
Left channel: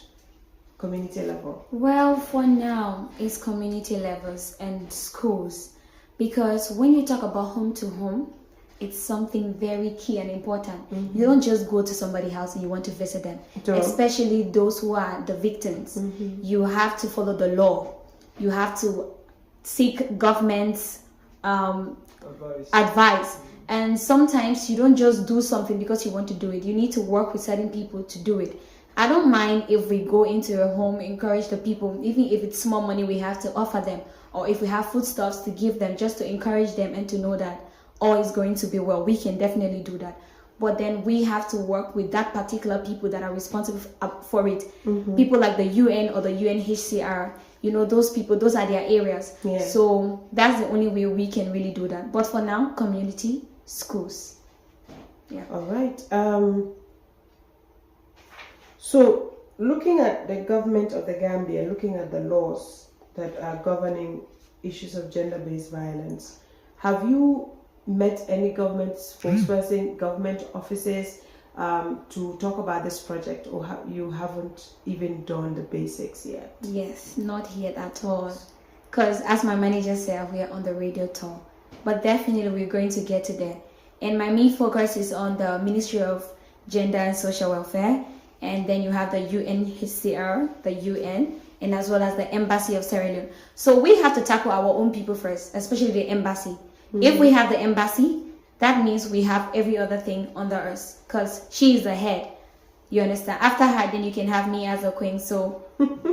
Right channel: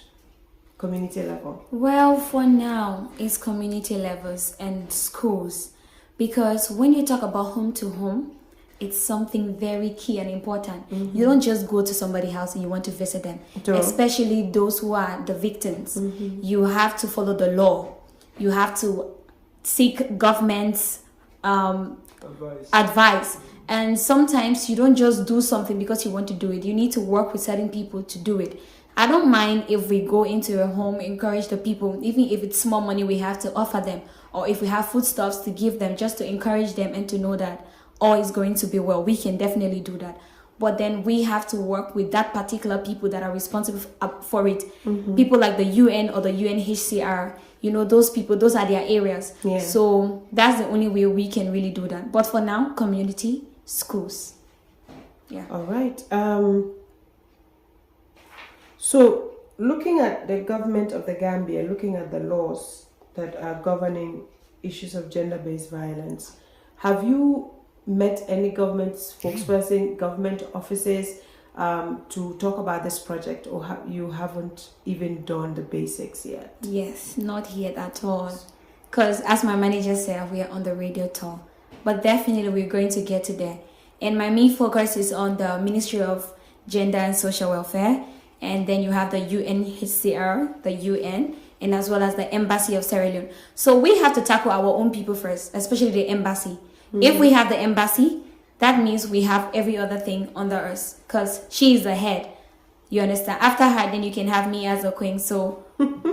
community level? Well, for now, it's community levels and schools, because when you talk about home to home, it's something very key and important. You don't just go to somebody's house and you want to visit them, especially those who are the victims. You have to follow the law. You have to seek government's advice. And sometimes you don't just do something because you want to do it. You need to work with certain people to do it. I don't mind if we go into a home, encourage the people, even if it's small money we have to offer them, or if we have foodstuffs to give them, just to encourage them and to know that all is going to be well. We can definitely do that. But then we have to work with that particular people that are responsible for it. People like the UN or the UNHCR, those people, those are their areas. So that's the only way we can really do that. But for now, community, schools. All right. So looking at the government of the Gambia, looking at the laws that are governing issues of gender-based violence, have you met any government spokesperson, government offices to talk about this project, or you haven't even done the basics yet? Yes, not yet at all. Because as my manager said, we are on the radio tour. But definitely we're going to get to there. And my main focus is on the Ministry of Gender and Social Welfare. And then you have the UNHCR, the UN, and as well as the Embassy of Sierra Leone. So we have to tackle our own people first, especially the embassy. If we have the embassy, that means we have every other thing under us, because she is the head. You understand? After her, then you can have me as a queen. So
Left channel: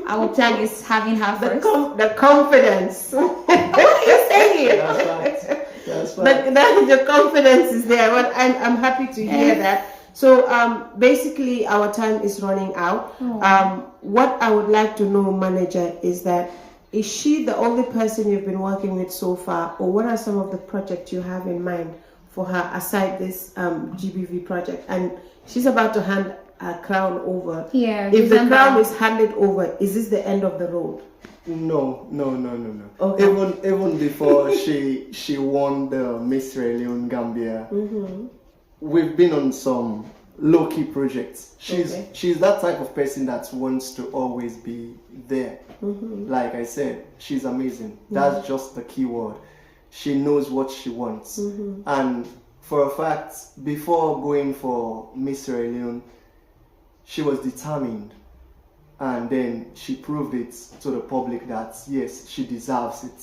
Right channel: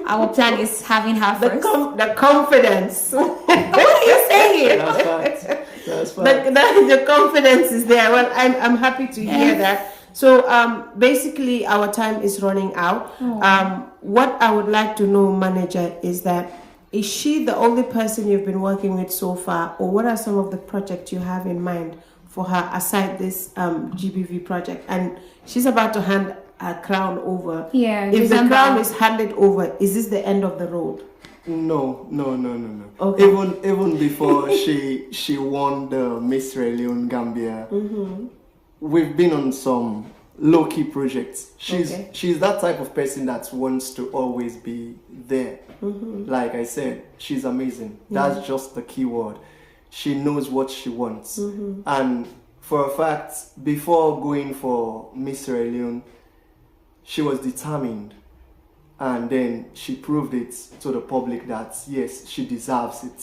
our plan is having her first. The confidence. What are you saying? That's fine. The confidence is there. Well, I'm happy to hear that. So basically our time is running out. What I would like to know, manager, is that is she the only person you've been working with so far, or what are some of the projects you have in mind for her aside this GBV project? And she's about to hand her crown over. If the crown is handed over, is this the end of the road? No. Okay. Even before she won the Miss Sierra Leone-Gambia, we've been on some low-key projects. She's that type of person that wants to always be there. Like I said, she's amazing. That's just the key word. She knows what she wants. And for a fact, before going for Miss Sierra Leone, she was determined. And then she proved it to the public that yes, she deserves it.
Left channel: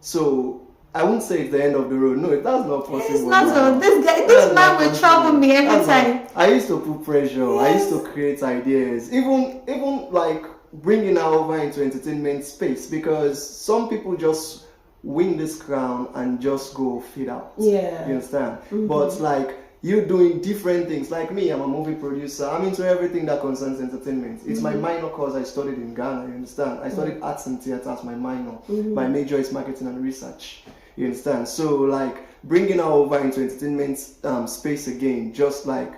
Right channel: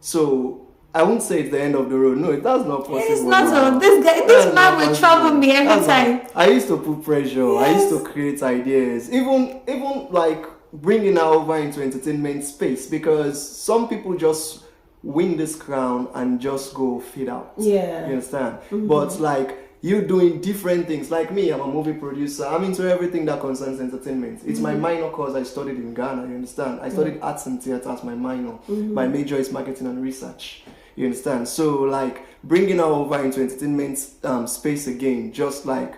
So I won't say it's the end of the road. No, that's not possible. It's not. This man will trouble me every time. I used to put pressure. I used to create ideas. Even like bringing her over into entertainment space, because some people just win this crown and just go feed out. You understand? But like you doing different things. Like me, I'm a movie producer. I'm into everything that concerns entertainment. It's my minor course. I studied in Ghana. You understand? I studied arts and theatre as my minor. My major is marketing and research. You understand? So like bringing her over into entertainment space again, just like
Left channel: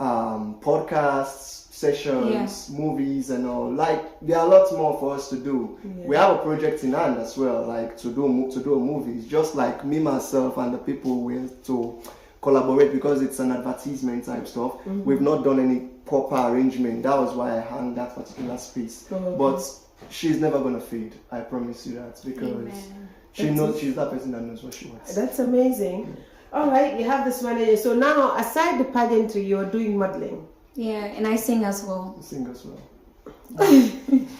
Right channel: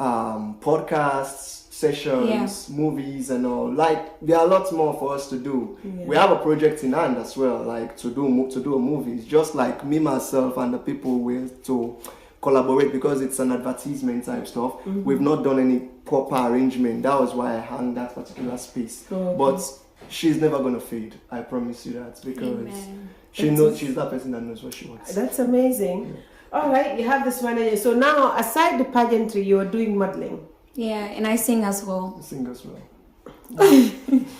podcasts, sessions, movies and all. Like there are lots more for us to do. We have a project in hand as well, like to do a movie. It's just like me, myself, and the people with to collaborate, because it's an advertisement type stuff. We've not done any proper arrangement. That was why I hung that particular space. But she's never gonna fade. I promise you that, because she knows she's that person that knows what she wants. That's amazing. All right, you have this manager. So now, aside the pageantry, you're doing modeling. And I sing as well. Sing as well.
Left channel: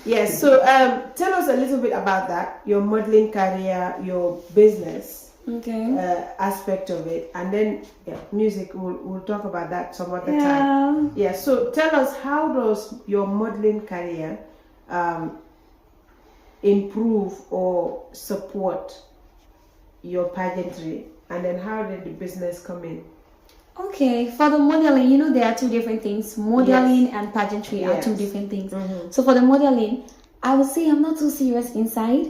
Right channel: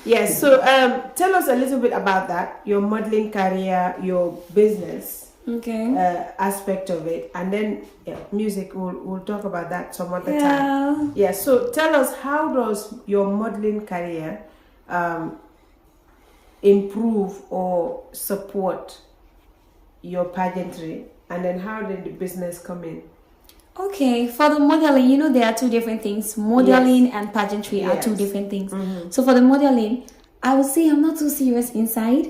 Yes. So tell us a little bit about that. Your modeling career, your business aspect of it, and then music. We'll talk about that some other time. Yeah. So tell us, how does your modeling career improve or support your pageantry, and then how did the business come in? Okay, for the modeling, there are two different things. Modeling and pageantry are two different things. So for the modeling, I would say I'm not too serious inside.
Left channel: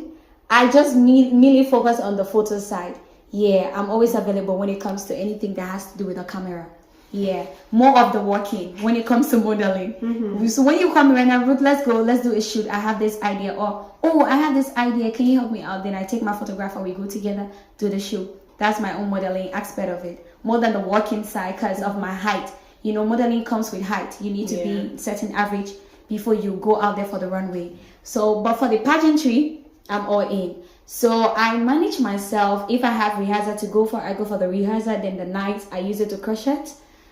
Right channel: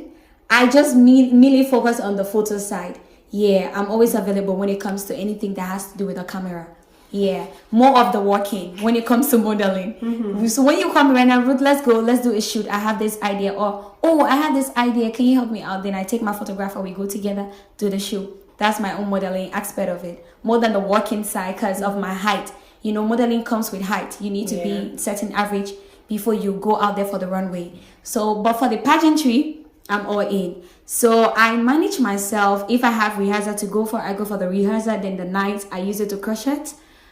I just merely focus on the photo side. I'm always available when it comes to anything that has to do with a camera. Yeah, more of the walking when it comes to modeling. So when you come right now, Ruth, let's go, let's do a shoot. I have this idea, or oh, I have this idea. Can you help me out? Then I take my photographer, we go together, do the shoot. That's my own modeling aspect of it, more than the walking side because of my height. You know, modeling comes with height. You need to be certain average before you go out there for the runway. So, but for the pageantry, I'm all in. So I manage myself. If I have rehearsal to go for, I go for the rehearsal. Then the night I use it to crochet.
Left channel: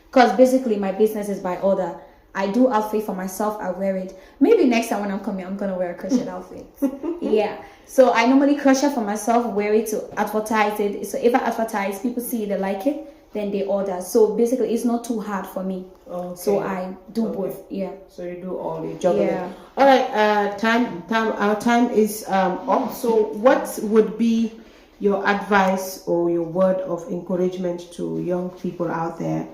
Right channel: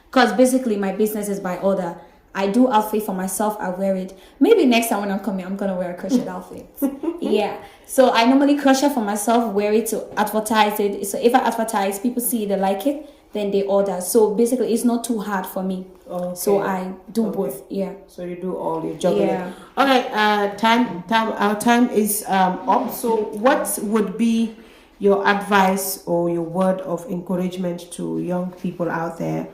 Because basically my business is by order. I do outfit for myself, I wear it. Maybe next time when I'm coming, I'm gonna wear a crochet outfit. Yeah. So I normally crochet for myself, wear it to advertise it. So if I advertise, people see they like it, then they order. So basically it's not too hard for me. Okay. So I do both. Yeah. So you do all your juggling. Yeah. All right, our time is up. So what would be your advice or your word of encouragement to young people out there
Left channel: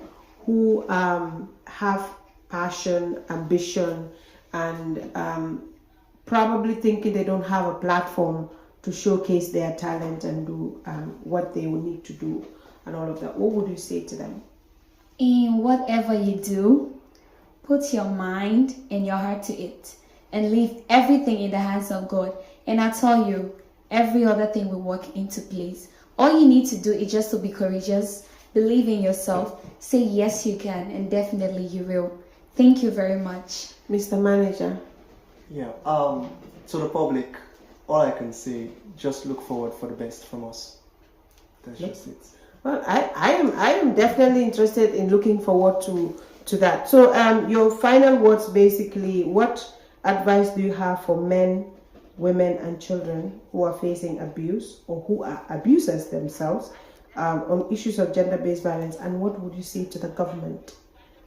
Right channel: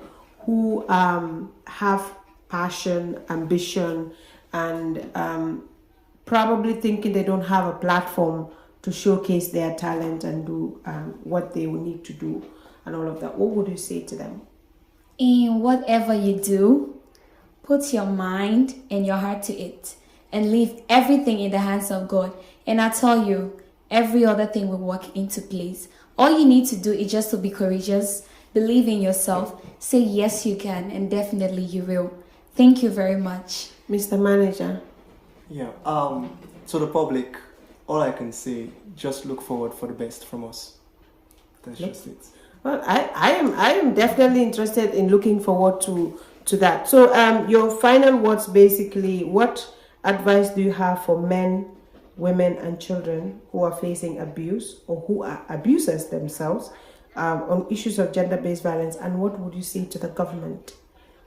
who have passion, ambition, and probably thinking they don't have a platform to showcase their talent and do what they will need to do and all of that? What would you say to them? In whatever you do, put your mind and your heart to it and leave everything in the hands of God. And I tell you, every other thing will work into place. All you need to do is just to be courageous, believe in yourself, say yes you can, and definitely you will. Thank you very much. Mr. Manager. Yeah, to the public, all I can say, just look forward for the best from us. That's just it. Well, I am definitely interested in looking forward to that. So your final words, basically, what advice do you have for men, women and children who are facing abuse or who are abusers themselves on issues of gender-based violence, and what would you say to the government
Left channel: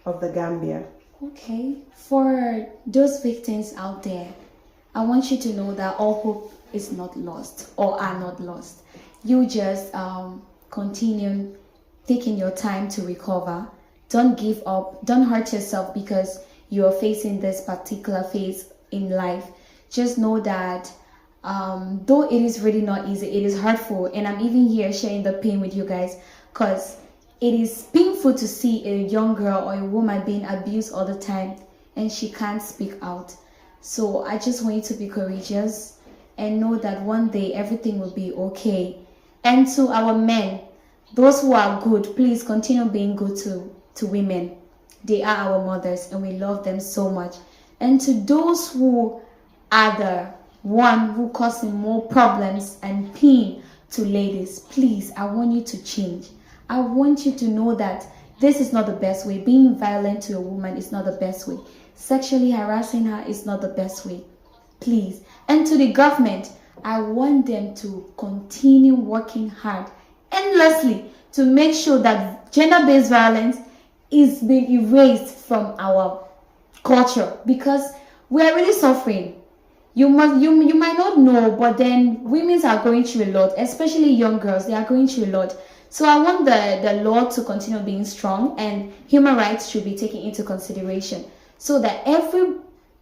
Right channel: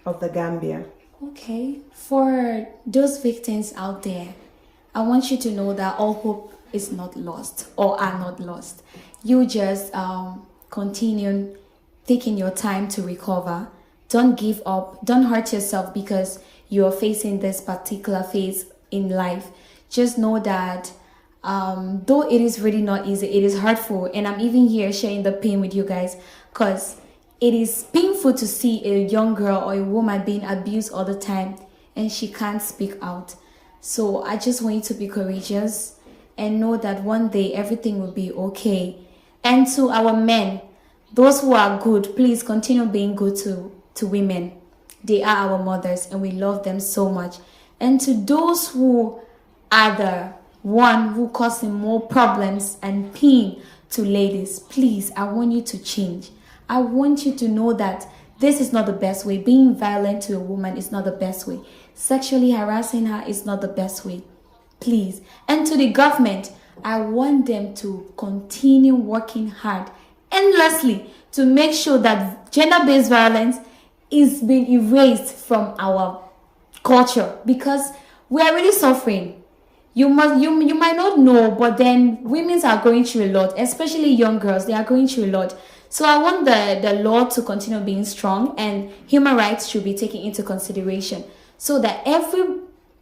of the Gambia? Okay, for those victims out there, I want you to know that all hope is not lost or are not lost. You just continue taking your time to recover. Don't give up. Don't hurt yourself because you are facing this particular phase in life. Just know that though it is really not easy, it is hurtful, and I'm even here sharing the pain with you guys because it is painful to see a young girl or a woman being abused all the time and she can't speak out. So I just want you to be courageous and know that one day everything will be okay. And to our men, those who are good, please continue being good to women. They are our mothers and we love them so much. And to those who are the one who causing more problems and pain to ladies, please, I want you to change. I want you to know that this is not the best way. Being violent to a woman is not the best way. Sexually harassing her is not the best way. Please. And to the government, I want them to continue working hard endlessly to make sure that gender-based violence is being erased from our culture because we are really suffering. You might not know, but then women are going through a lot, especially young girls. They are going through a lot. So I want the law to continue being strong and human rights should be taken into consideration so that every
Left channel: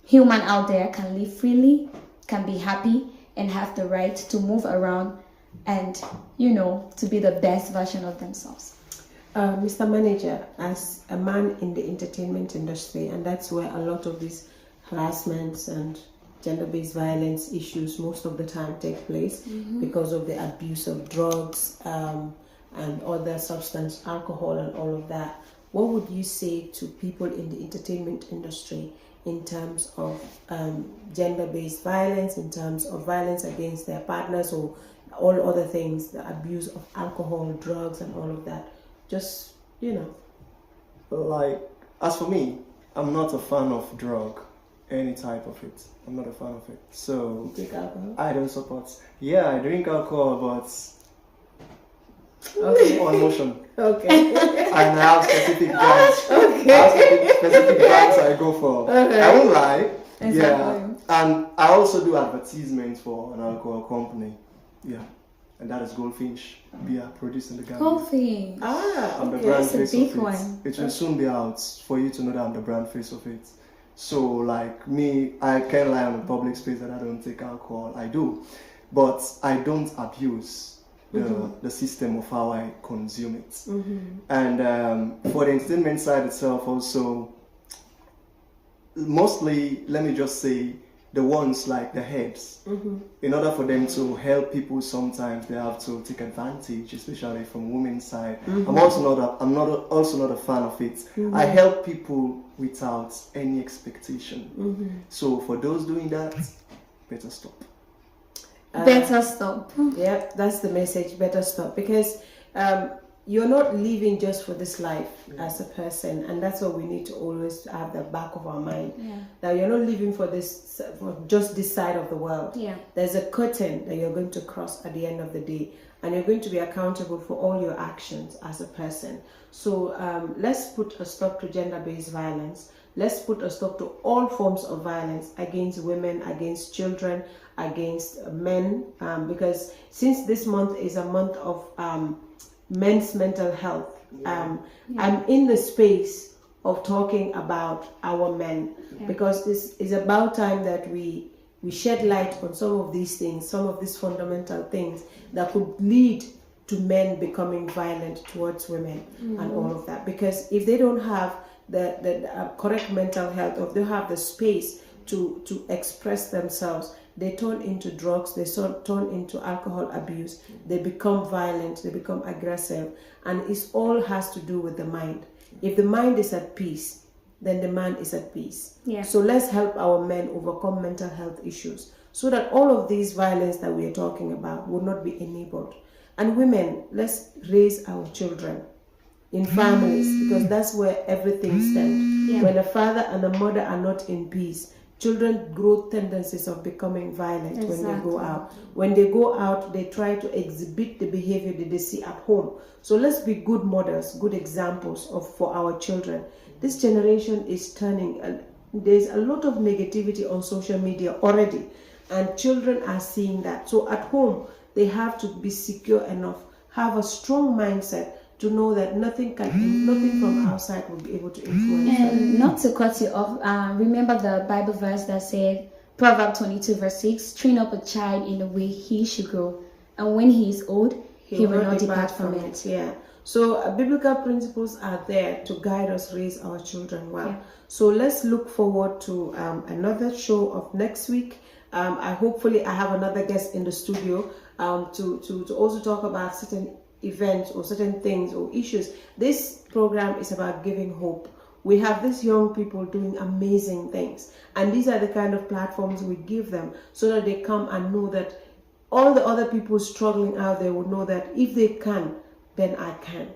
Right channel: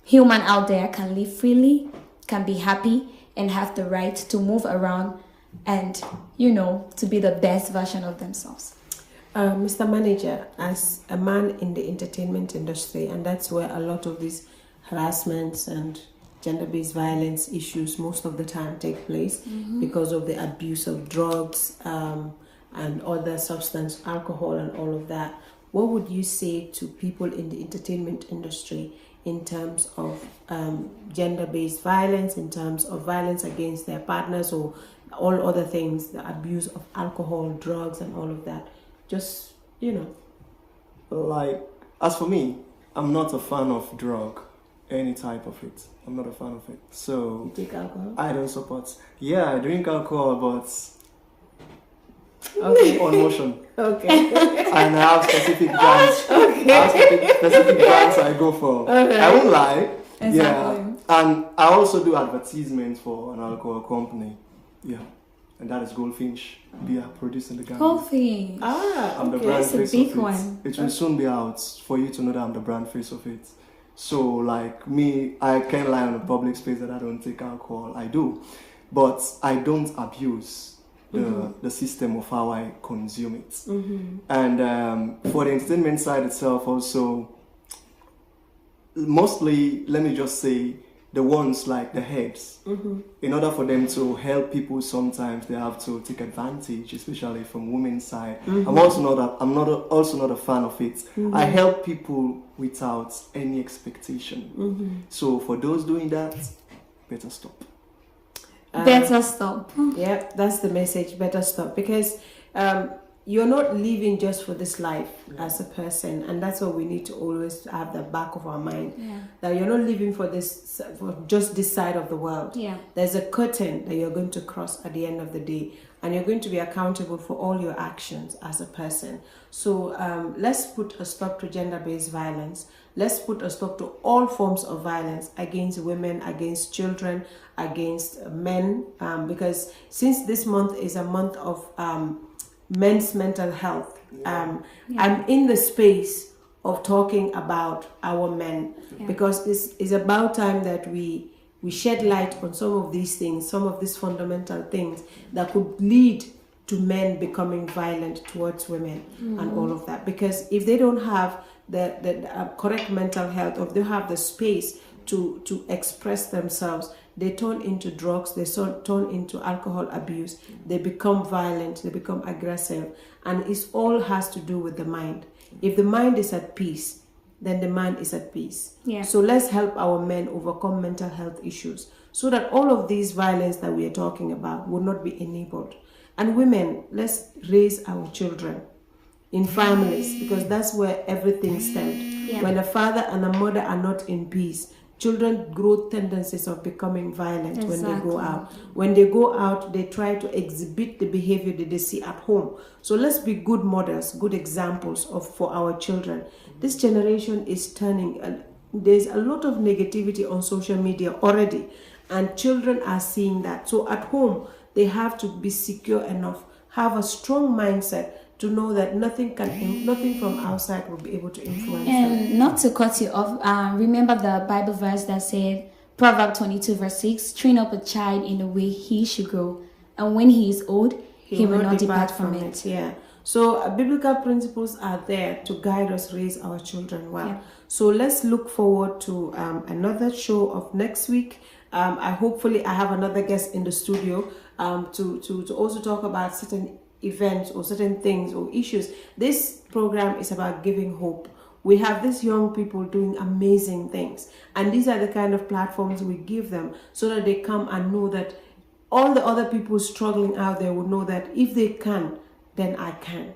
human out there can live freely, can be happy, and have the right to move around and, to be the best version of themselves. Mr. Manager, as a man in the entertainment industry, and that's where a lot of these harassments and gender-based violence issues most of the time take place because of the abuse of drugs and other substance, alcohol and all of that. What would you say to people in the entertainment industry in terms of gender-based violence, in terms of violence against their partners or all other things, the abuse of alcohol, drugs and all of that? Just, Like, as for me, I'm not a fan of drug, any type of it. I'm not a fan of it. So, you drink alcohol? I don't support. Yeah, I drink alcohol, but okay. on motion. Okay. And I have specific brands. Okay. I have specific brands I go for. Okay. I won't lie. Exactly. Yeah. And I also do advertisements for an alcohol company. Yeah. And that is Goldfinch beer produced in the Gambia. Coffee. I'm the Okay. brand That's a face big of it. one. It will soon be out for you to know that I'm the brand face of it. So, like me, I can't lie on a public space that I don't take alcohol. I do. But I don't abuse. the system of how I consume it. And for the entertainment side itself also, mostly, let me just say, the ones like the heads, in order for them to help people, sometimes they have to take advantage, especially from women's side. I'm also not a fan of it. I help people without any expectation. So for those doing that, better stop. Better stop. Yep, that's the message. Better stop, because you're not living just for this life as a person, and that's what we need to always have the back of our mind. That you're not living for just this side of the world. There's a curtain that you're going to cross at the end of the day, and you're going to be accountable for all your actions as a person. So let's put a stop to gender-based violence. Let's put a stop to all forms of violence against women, against children, against men, because since this month is a month of men's mental health, I'm in the space of talking about our men, because it's about time that we shed light on some of these things, some of these fundamental things that could lead to men becoming violent towards women and all of that. Because if they don't have the correct mental health, or they have the space to express themselves, they turn into drugs, they turn into alcohol abuse, they become violent, they become aggressive, and it all has to do with the mind. If the mind is at peace, then the man is at peace. So let's help our men overcome mental health issues, so that all of these violence that we are talking about will not be enabled. And women, let's raise our children in families, because that's where everything stems. When a father and a mother are not in peace, children grow tendencies of becoming violent when they go out. When they go out, they try to exhibit the behavior that they see at home. So let's be good models, good examples for our children. This generation is turning, and there's a lot of negativity on social media already, and children are seeing that. So at home, they have to be secure enough, have a strong mindset to know that nothing from outside will be able to influence them. And not to cut you off, remember the Bible verse that said, Proverbs 22 verse 6, train up a child in the way he should go, and when he is old, he will not depart from it. So biblical principles are there to guide us, raise our children well. So let's look forward to another show of next week. Hopefully I have another guest in the studio to also talk about certain events or certain things or issues. This program is about giving hope. We have these young people doing amazing things, and these are the kind of platforms we give them, so that they come and know that all the other people struggling out there will know that if they can, then I can.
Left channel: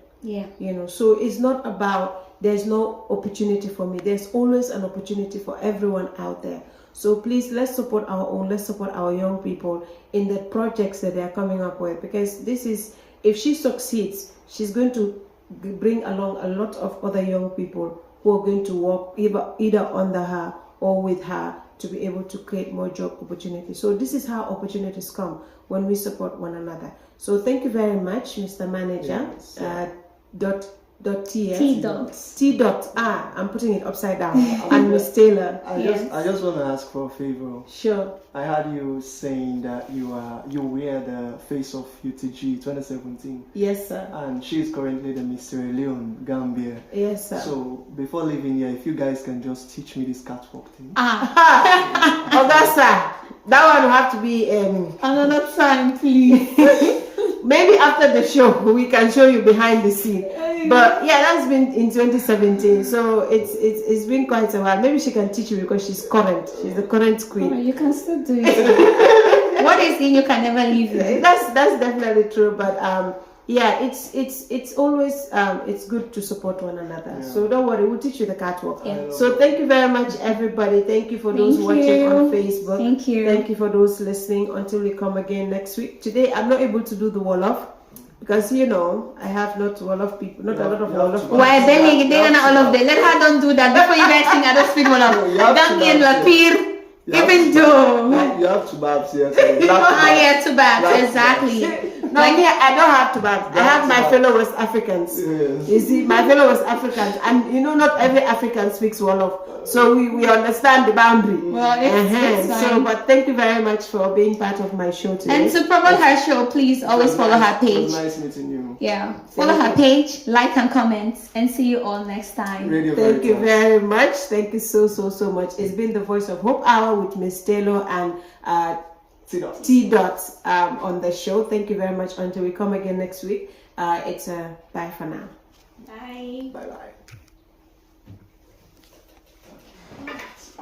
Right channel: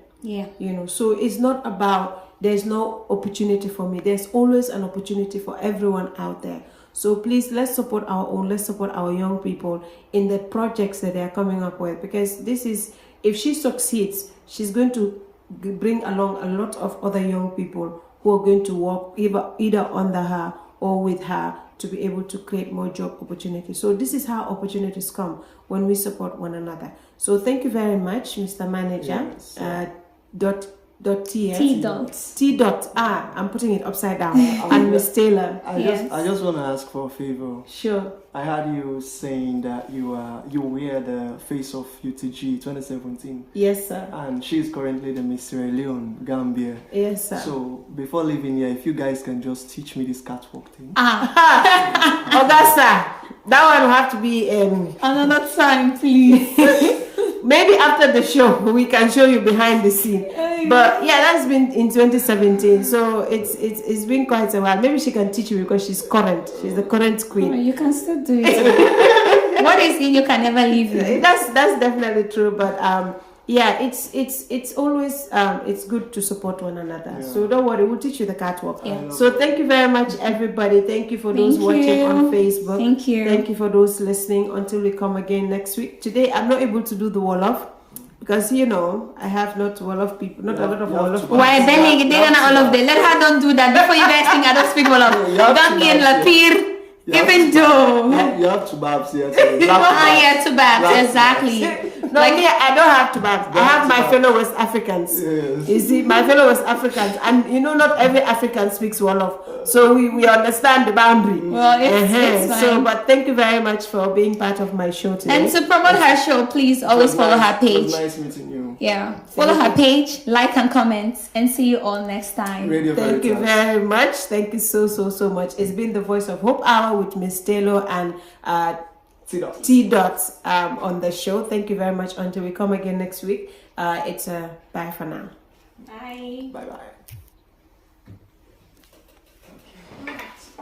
So it's not about there's no opportunity for me. There's always an opportunity for everyone out there. So please, let's support our own, let's support our young people in the projects that they're coming up with, because this is, if she succeeds, she's going to bring along a lot of other young people who are going to work either under her or with her to be able to create more job opportunities. So this is how opportunities come, when we support one another. So thank you very much, Mr. Manager. I'm putting it upside down. And Miss Taylor. I just want to ask for a favor. Sure. I heard you saying that you wear the face of UTG 2017. Yes, sir. And she's currently the Miss Sierra Leone-Gambia. Yes, sir. So before leaving here, if you guys can just teach me this catwalk thing. Oh, that's that one will have to be another time, please. Maybe after the show we can show you behind the scene. But yeah, that's been in 2017, so it's been quite a while. Maybe she can teach you, because she's current. She's the current queen. You can still do it. What is it you can never leave it? That's definitely true. But it's always it's good to support one another. So don't worry, we'll teach you the catwalk. So thank you very much, everybody. Thank you for those watching on Facebook. Thank you for those listening. Until we come again next week. Today I'm not able to do the wall-off, because I have not a lot of wall-off. Why then they don't all of them? Let her don't do that before you guys think I don't speak wall-off. Don't get Lapir. Even though you have to babs here. So you are here to Babs, exactly. No, like here I don't have to babs. I have my fellow West Africans. Yes. You see, my fellow West Africans, and you know, not every African speaks Wolof, so we understand the boundary. Well, it's fine. So, but thank you very much for being part of my show today. And to promote her show, please always follow her It page. was nice meeting you. Yeah, follow her page, like and comment, and see you all next time. Thank you very much. Thank you so much. It's been the Voice of Hope Hour with Miss Taylor and T Dots on the show. Thank you very much. Until we come again next week, it's a bye for now. Bye. Bye bye.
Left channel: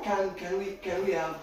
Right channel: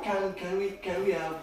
Can we have